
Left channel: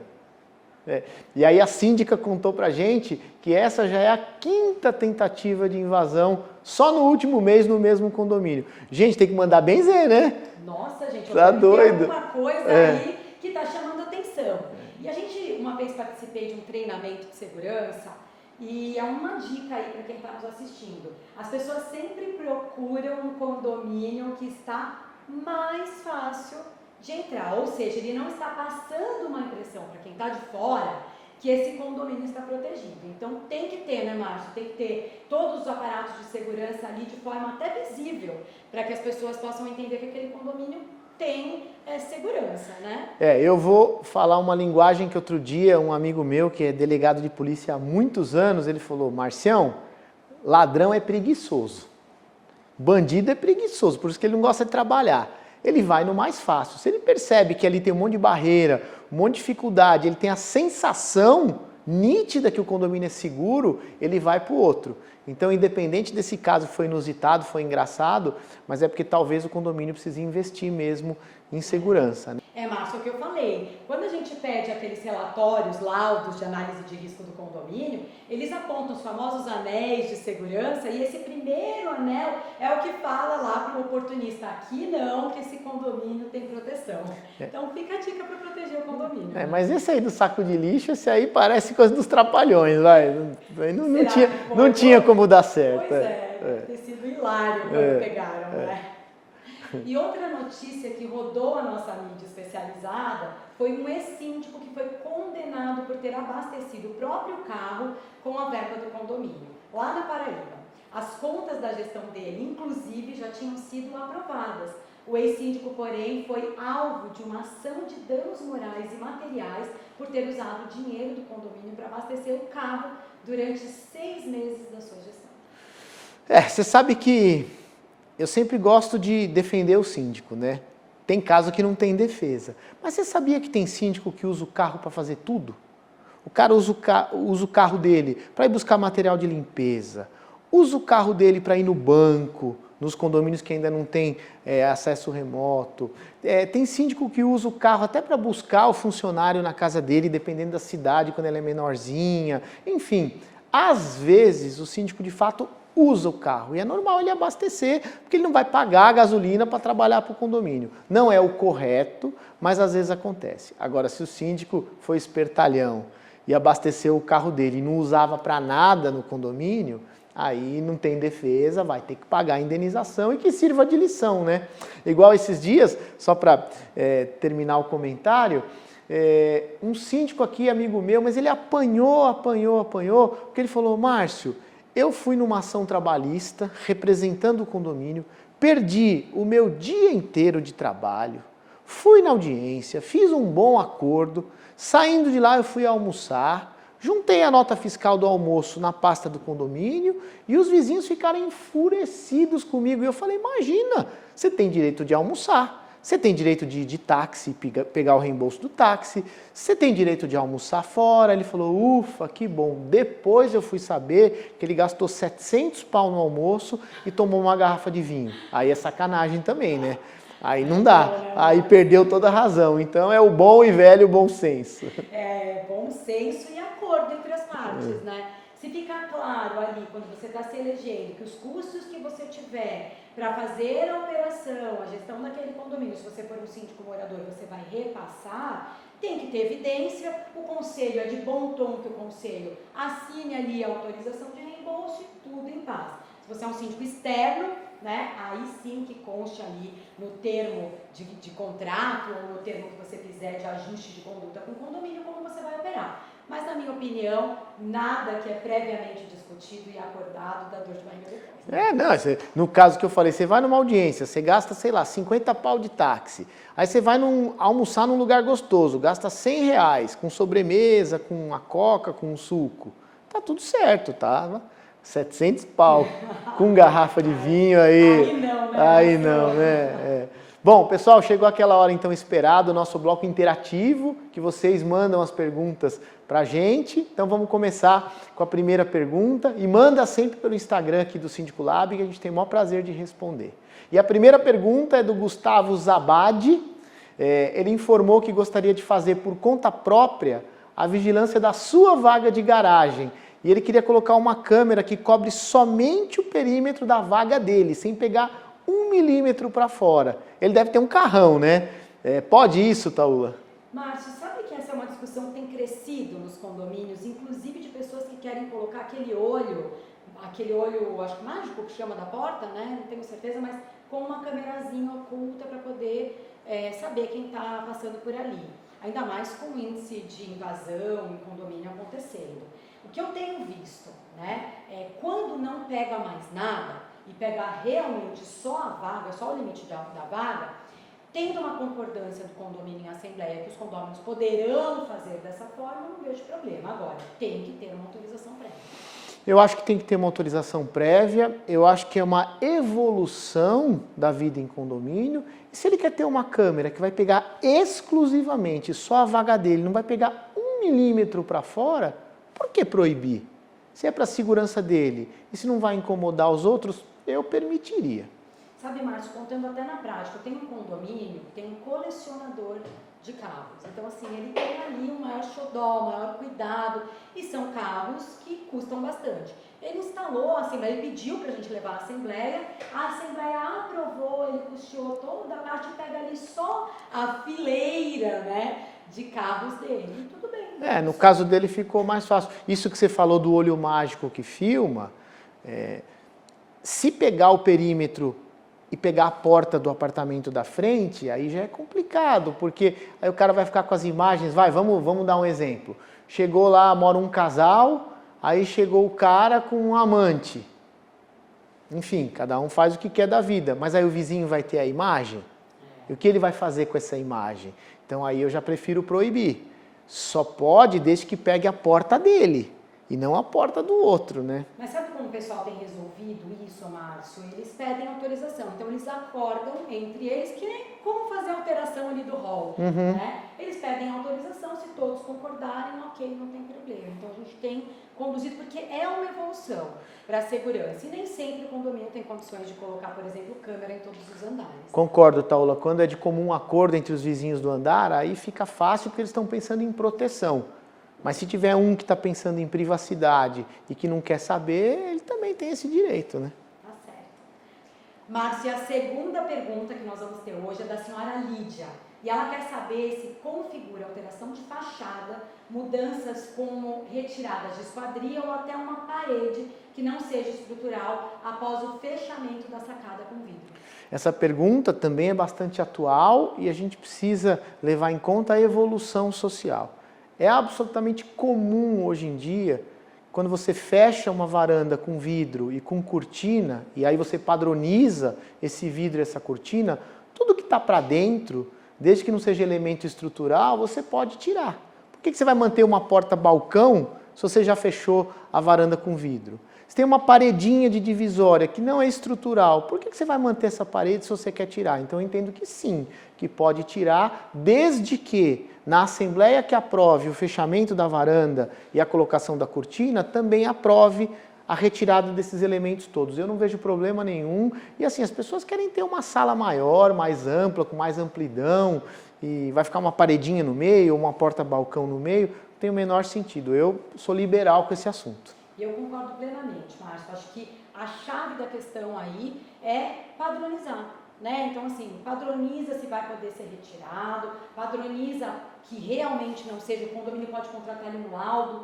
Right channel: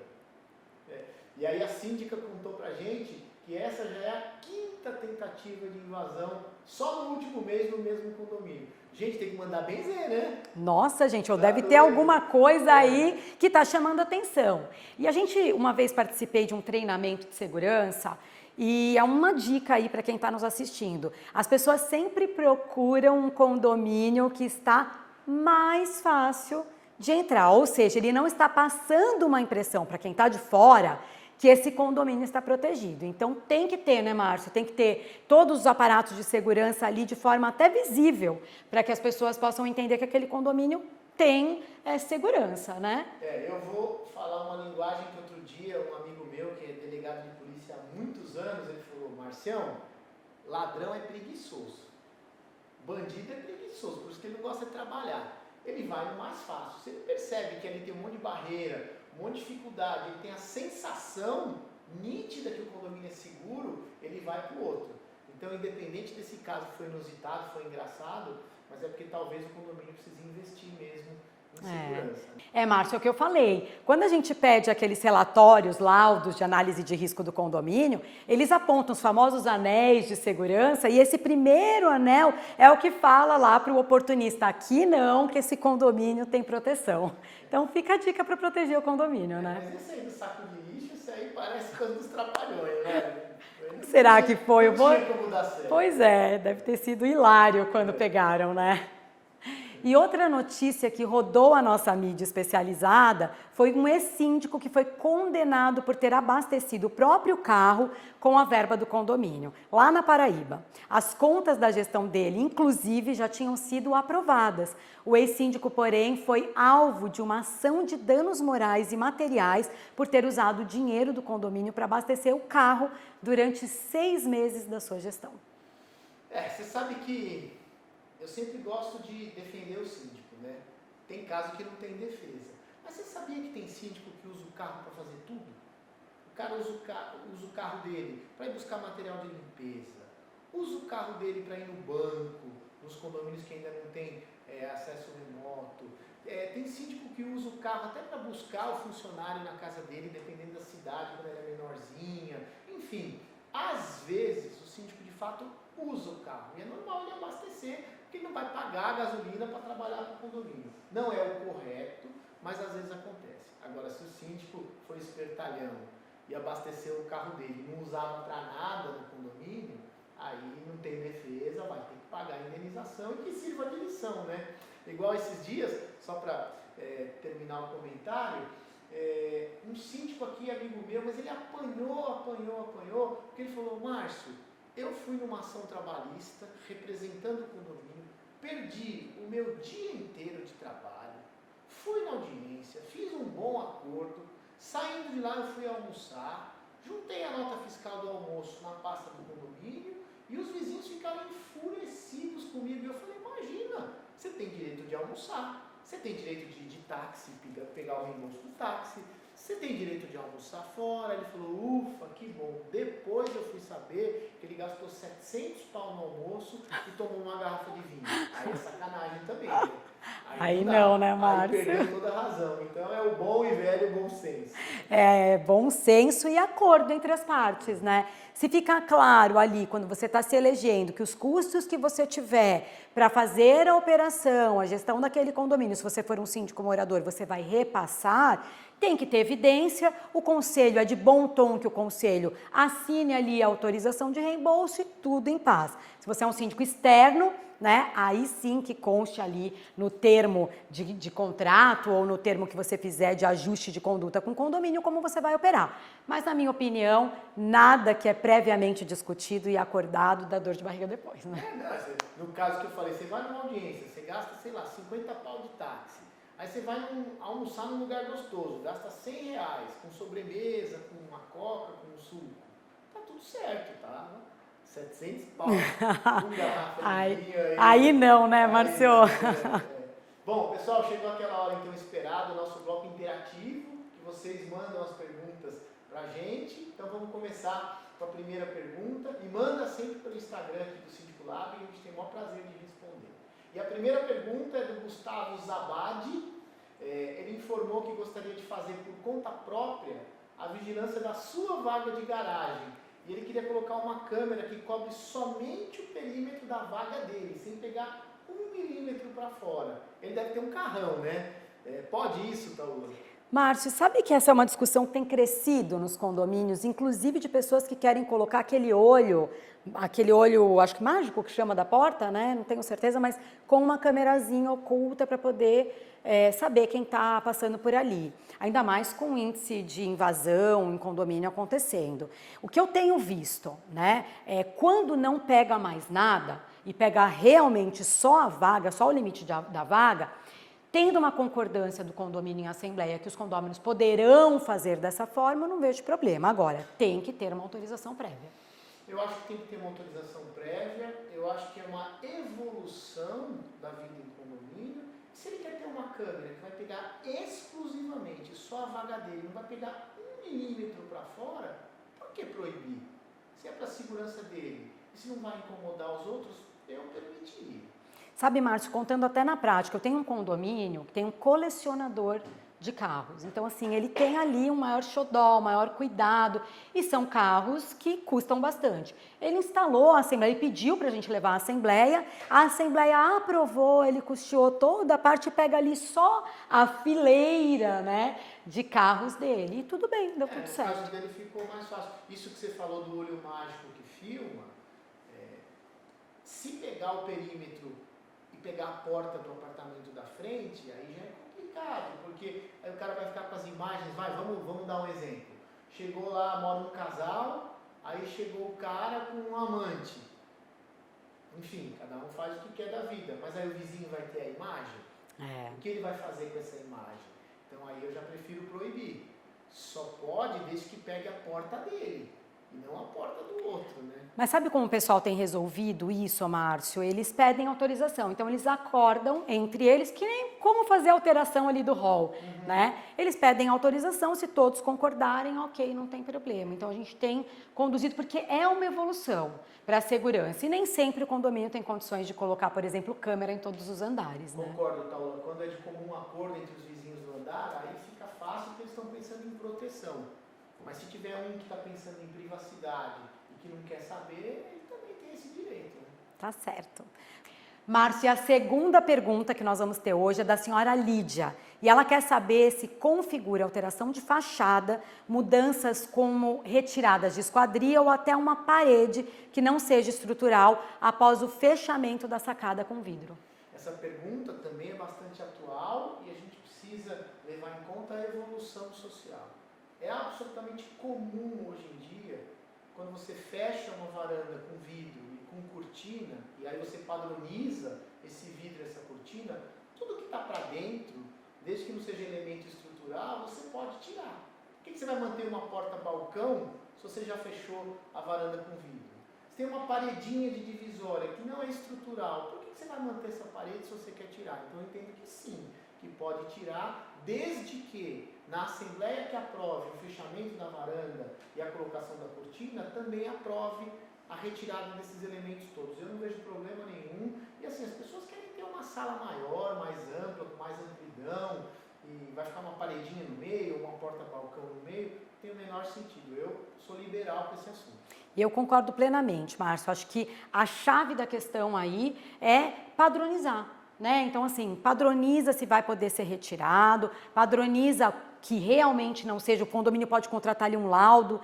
E aí a síndica contou pra gente que essa já é a 5ª tentativa de invasão só no último mês no mesmo condomínio. Gente, tem que mandar benzer, né? Nossa, gente, Tá deve ter doido. alguma coisa aí que está chamando atenção. E a gente, uma vez participei de um treinamento de segurança e é uma dica aí para quem está nos assistindo. As pessoas sempre procuram um condomínio que está mais fácil de entrar, ou seja, ele não está passando uma impressão para quem está de fora que esse condomínio está protegido. Então tem que ter, né, Márcio? Tem que ter todos os aparatos de segurança ali de forma até visível, para que as pessoas possam entender que aquele condomínio tem segurança, né? Eu vou falar uma linguagem que outro dia um amigo meu, que é delegado de polícia há muitos anos, ele falou: Marcião, ladrão é preguiçoso, bandido é preguiçoso, por isso que ele não gosta de trabalhar. Ele vai no mais fácil. Se ele percebe que ali tem um monte de barreira, um monte de dificuldade, ele tem a sensação nítida que o condomínio é seguro, ele vai para o outro. Então, independente desse caso foi inusitado, foi engraçado, mas é porque talvez o condomínio precise investir mesmo em segurança. Né? Márcio, é o que eu falei. Quando a gente pede aqueles relatórios, laudos de análise de risco do condomínio, eles apontam os famosos anéis de segurança e esse primeiro anel é o que fala lá para o oportunista, aqui não, que esse condomínio tem proteção. Então fica a dica para proteger o condomínio. Né? Mas esse aí do saco de lixo, esse aí parece coisa dos trapalhões, vai. Será que foi? Não tinha como dar certo. Pois deve ter sido hilário quando pegaram, né? E outra notícia que rodou a nossa mídia especializada foi um ex-síndico que foi condenado por ter abastecido o próprio carro com a verba do condomínio, lá na Paraíba. As contas da gestão dele, inclusive, já tinham sido aprovadas. O ex-síndico, porém, foi alvo de uma ação de danos morais e materiais por ter usado o dinheiro do condomínio para abastecer o carro durante 6 meses da sua gestão. Você sabe que eu sempre gosto de defender o síndico, né? Tem caso que não tem defesa. Mas você sabia que tem síndico que usa o carro para fazer tudo? O cara usa o carro dele para ir buscar material de limpeza, usa o carro dele para ir no banco, nos condomínios que ainda não tem acesso remoto. Tem síndico que usa o carro até para buscar o funcionário na casa dele, dependendo da cidade, quando ela é menorzinha. Enfim, às vezes o síndico de fato usa o carro e é normal ele abastecer, porque ele não vai pagar a gasolina para trabalhar para o condomínio. Não é o correto, mas às vezes acontece. Agora, se o síndico foi espertalhão e abasteceu o carro dele e não usava para nada no condomínio, aí não tem defesa, vai ter que pagar a indenização e que sirva de lição, né? Igual esses dias, só para terminar o comentário, um síndico aqui, amigo meu, mas ele apanhou, porque ele falou: Márcio, eu fui numa ação trabalhista representando o condomínio, perdi o meu dia inteiro de trabalho, fui na audiência, fiz um bom acordo, saindo de lá eu fui almoçar, juntei a nota fiscal do almoço na pasta do condomínio e os vizinhos ficaram enfurecidos comigo. E eu falei: imagina, você tem direito de almoçar, você tem direito de ir de táxi, pegar o reembolso do táxi, você tem direito de almoçar fora. Ele falou: ufa, que bom. Depois eu fui saber que ele gastou 700 pau no almoço e tomou uma garrafa de vinho. Aí é sacanagem também, né? Aí não dá, não, né, aí perdeu toda a razão. Então é o bom e velho bom senso. Bom senso e acordo entre as partes, né? Se ficar claro ali, quando você está se elegendo, que os custos que você tiver para fazer a operação, a gestão daquele condomínio, se você for um síndico morador, você vai repassar, tem que ter evidência. O conselho é de bom tom que o conselho assine ali a autorização de reembolso e tudo em paz. Se você é um síndico externo, né, aí sim que conste ali no termo de contrato ou no termo que você fizer de ajuste de conduta com o condomínio, como você vai operar. Mas, na minha opinião, nada que é previamente discutido e acordado dá dor de barriga depois. Né? No caso que eu falei, você vai numa audiência, você gasta, sei lá, 50 pau de táxi. Aí você vai almoçar num lugar gostoso, gasta 100 reais com sobremesa, com a coca, com um suco. Tá tudo certo, tá? 700 pau com garrafa de vinho aí. Aí não, né, Aí Marcio? não, né? Bom, pessoal, chegou aquela hora então esperada, o nosso bloco interativo, que vocês mandam as perguntas pra gente. Então vamos começar com a primeira pergunta e manda sempre pelo Instagram aqui do Síndico Lab, que a gente tem o maior prazer de responder. E a primeira pergunta é do Gustavo Zabadi. Ele informou que gostaria de fazer por conta própria a vigilância da sua vaga de garagem. E ele queria colocar uma câmera que cobre somente o perímetro da vaga dele, sem pegar 1 milímetro para fora. Ele deve ter um carrão, né? Pode isso, Taula? Márcio, sabe que essa é uma discussão que tem crescido nos condomínios, inclusive de pessoas que querem colocar aquele olho, acho que mágico que chama da porta, né? Não tenho certeza, mas com uma câmerazinha oculta para poder saber quem está passando por ali. Ainda mais com o índice de invasão em condomínio acontecendo. O que eu tenho visto, né, é quando não pega mais nada e pega realmente só a vaga, só o limite da vaga, tendo uma concordância do condomínio em assembleia que os condôminos poderão fazer dessa forma, eu não vejo problema. Agora, tem que ter uma autorização prévia. Eu acho que tem que ter uma autorização prévia, eu acho que é uma evolução da vida em condomínio. E se ele quer ter uma câmera que vai pegar exclusivamente só a vaga dele, não vai pegar 1 milímetro para fora, por que proibir? Se é para a segurança dele e se não vai incomodar os outros, eu permitiria. Sabe, Márcio, contando até na prática, eu tenho um condomínio que tem um colecionador de carros. Então, assim, ele tem ali um maior xodó, um maior cuidado, e são carros que custam bastante. Ele instalou a assembleia, ele pediu para a gente levar a assembleia aprovou, ele custeou toda a parte e pega ali só a fileira, né, de carros dele. E tudo bem. No caso dele ficou mais fácil. Isso que você falou do olho mágico que filma, se pegar o perímetro e pegar a porta do apartamento da frente, aí já é complicado, porque aí o cara vai ficar com as imagens, vamos dar um exemplo. Chegou lá, mora um casal, aí chegou o cara com um amante. Enfim, cada um faz o que quer da vida, mas aí o vizinho vai ter a imagem? E o que ele vai fazer com essa imagem? Então aí eu já prefiro proibir. Só pode desde que pegue a porta dele. E não a porta do outro, né? Mas sabe como o pessoal tem resolvido isso, Márcio? Eles pedem autorização. Então, eles acordam entre eles, que nem como fazer a alteração ali do hall, né? Eles pedem autorização, se todos concordarem, ok, não tem problema. Então, a gente tem conduzido, porque é uma evolução para a segurança. E nem sempre o condomínio tem condições de colocar, por exemplo, câmera em todos os andares. Concordo, Taula. Quando é de comum acordo entre os vizinhos do andar, aí fica fácil porque eles estão pensando em proteção. Mas se tiver um que está pensando em privacidade e que não quer saber, ele também tem esse direito, né? Tá certo. Márcia, a segunda pergunta que nós vamos ter hoje é da senhora Lídia. E ela quer saber se configura alteração de fachada, mudanças como retiradas de esquadria ou até uma parede que não seja estrutural após o fechamento da sacada com vidro. Essa pergunta também é bastante atual e a gente precisa levar em conta a evolução social. É absolutamente comum hoje em dia, quando você fecha uma varanda com vidro e com cortina, e aí você padroniza esse vidro e essa cortina, tudo que está para dentro, desde que não seja elemento estrutural, você pode tirar. Por que você vai manter uma porta-balcão se você já fechou a varanda com vidro? Se tem uma paredinha de divisória que não é estrutural, por que você vai manter essa parede se você quer tirar? Então eu entendo que sim, que pode tirar, desde que na assembleia que aprove o fechamento da varanda e a colocação da cortina, também aprove a retirada desses elementos todos. Eu não vejo problema nenhum. E assim, as pessoas querem ter uma sala maior, mais ampla, com mais amplidão, e vai ficar uma paredinha no meio, ou uma porta-balcão no meio, não tem o menor sentido. Eu sou liberal com esse assunto. Eu concordo plenamente, Márcio. Acho que a chave da questão aí é padronizar, né? Então, assim, padroniza se vai poder ser retirado, padroniza que realmente não seja, o condomínio pode contratar ali um laudo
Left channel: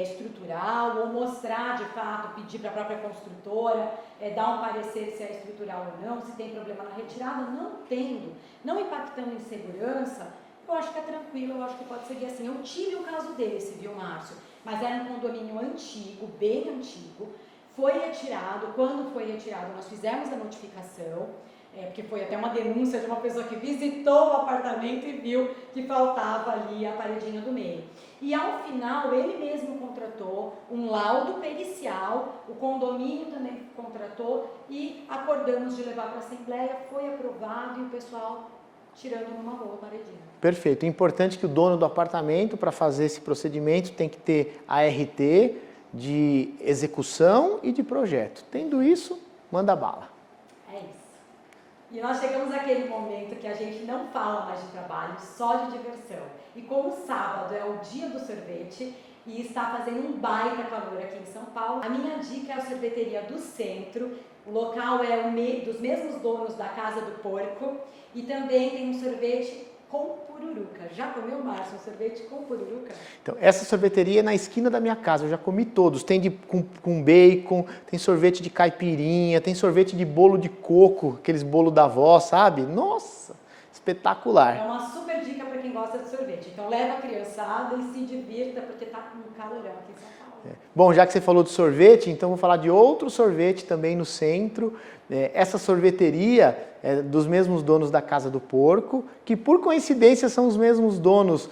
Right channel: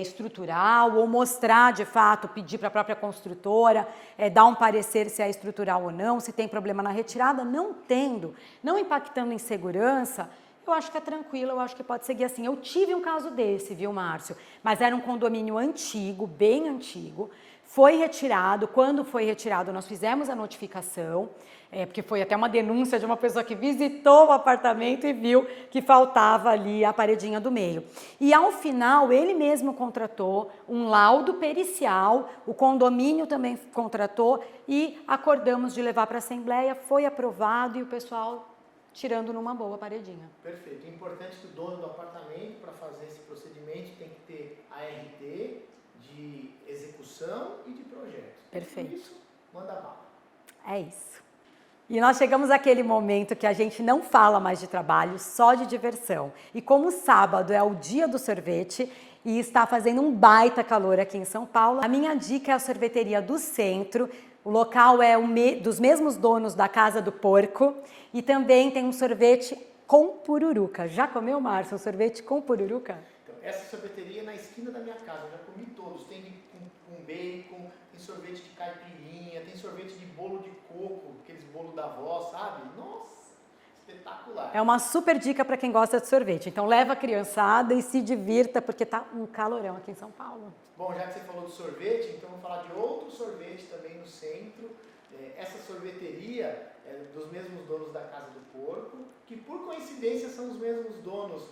estrutural ou mostrar de fato, pedir para a própria construtora, dar um parecer se é estrutural ou não, se tem problema na retirada. Não tendo, não impactando em segurança, eu acho que é tranquilo, eu acho que pode seguir assim. Eu tive um caso desse, viu, Márcio? Mas era um condomínio antigo, bem antigo, foi retirado. Quando foi retirado, nós fizemos a notificação, porque foi até uma denúncia de uma pessoa que visitou o apartamento e viu que faltava ali a paredinha do meio. E ao final, ele mesmo contratou um laudo pericial, o condomínio também contratou e acordamos de levar para a Assembleia, foi aprovado e o pessoal tirando numa boa paredinha. Perfeito. É importante que o dono do apartamento, para fazer esse procedimento, tem que ter a RT de execução e de projeto. Tendo isso, manda bala. É isso. E nós chegamos àquele momento que a gente não fala mais de trabalho, só de diversão. E como sábado é o dia do sorvete e está fazendo um baita calor aqui em São Paulo, a minha dica é a sorveteria do Centro. O local é dos mesmos donos da Casa do Porco e também tem um sorvete com pururuca. Já comeu, Márcio, um sorvete com pururuca? Então, essa sorveteria é na esquina da minha casa, eu já comi todos. Tem com bacon, tem sorvete de caipirinha, tem sorvete de bolo de coco, aqueles bolo da avó, sabe? Nossa, espetacular. É uma super dica para quem gosta de sorvete. Então leva a criançada e se divirta, porque tá um calorão aqui em São Paulo. Bom, já que você falou de sorvete, então vou falar de outro sorvete também no centro. Essa sorveteria é dos mesmos donos da Casa do Porco, que por coincidência são os mesmos donos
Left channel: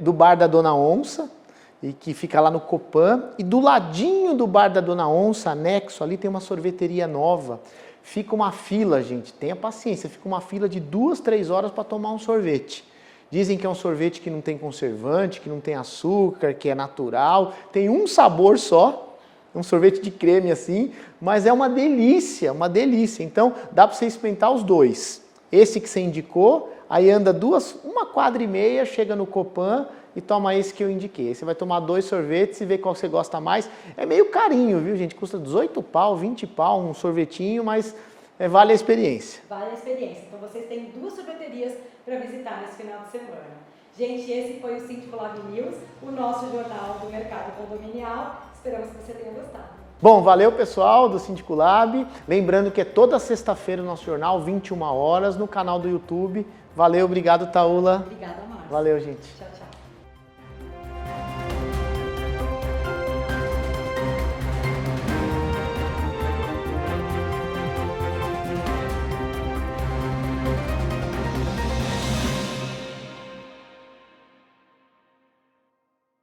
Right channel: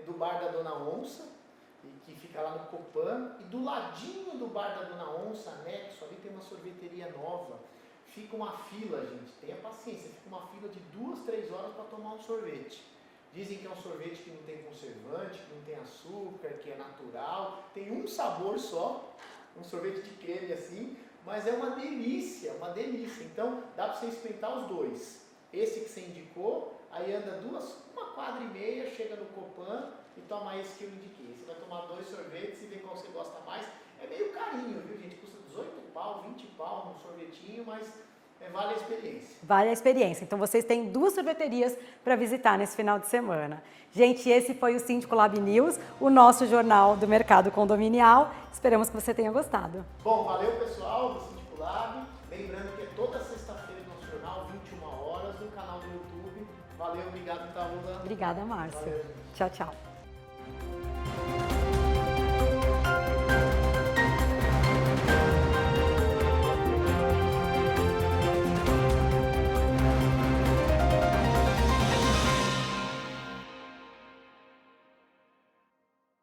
do bar da Dona Onça, e que fica lá no Copan. E do ladinho do bar da Dona Onça, anexo, ali tem uma sorveteria nova. Fica uma fila, gente, tenha paciência, fica uma fila de 2, 3 horas para tomar um sorvete. Dizem que é um sorvete que não tem conservante, que não tem açúcar, que é natural, tem um sabor só, um sorvete de creme assim, mas é uma delícia, uma delícia. Então dá para você experimentar os dois. Esse que você indicou, aí anda uma quadra e meia, chega no Copan e toma esse que eu indiquei. Aí você vai tomar 2 sorvetes e ver qual você gosta mais. É meio carinho, viu, gente? Custa 18 pau, 20 pau um sorvetinho, mas vale a experiência. Vale a experiência. Então vocês têm 2 sorveterias para visitar nesse final de semana. Gente, esse foi o Síndico Lab News, o nosso jornal do mercado condominial. Esperamos que você tenha gostado. Bom, valeu pessoal do Síndico Lab. Lembrando que é toda sexta-feira o nosso jornal, 21 horas, no canal do YouTube. Valeu, obrigado, Taula. Obrigada, Márcia. Valeu, gente. Tchau, tchau.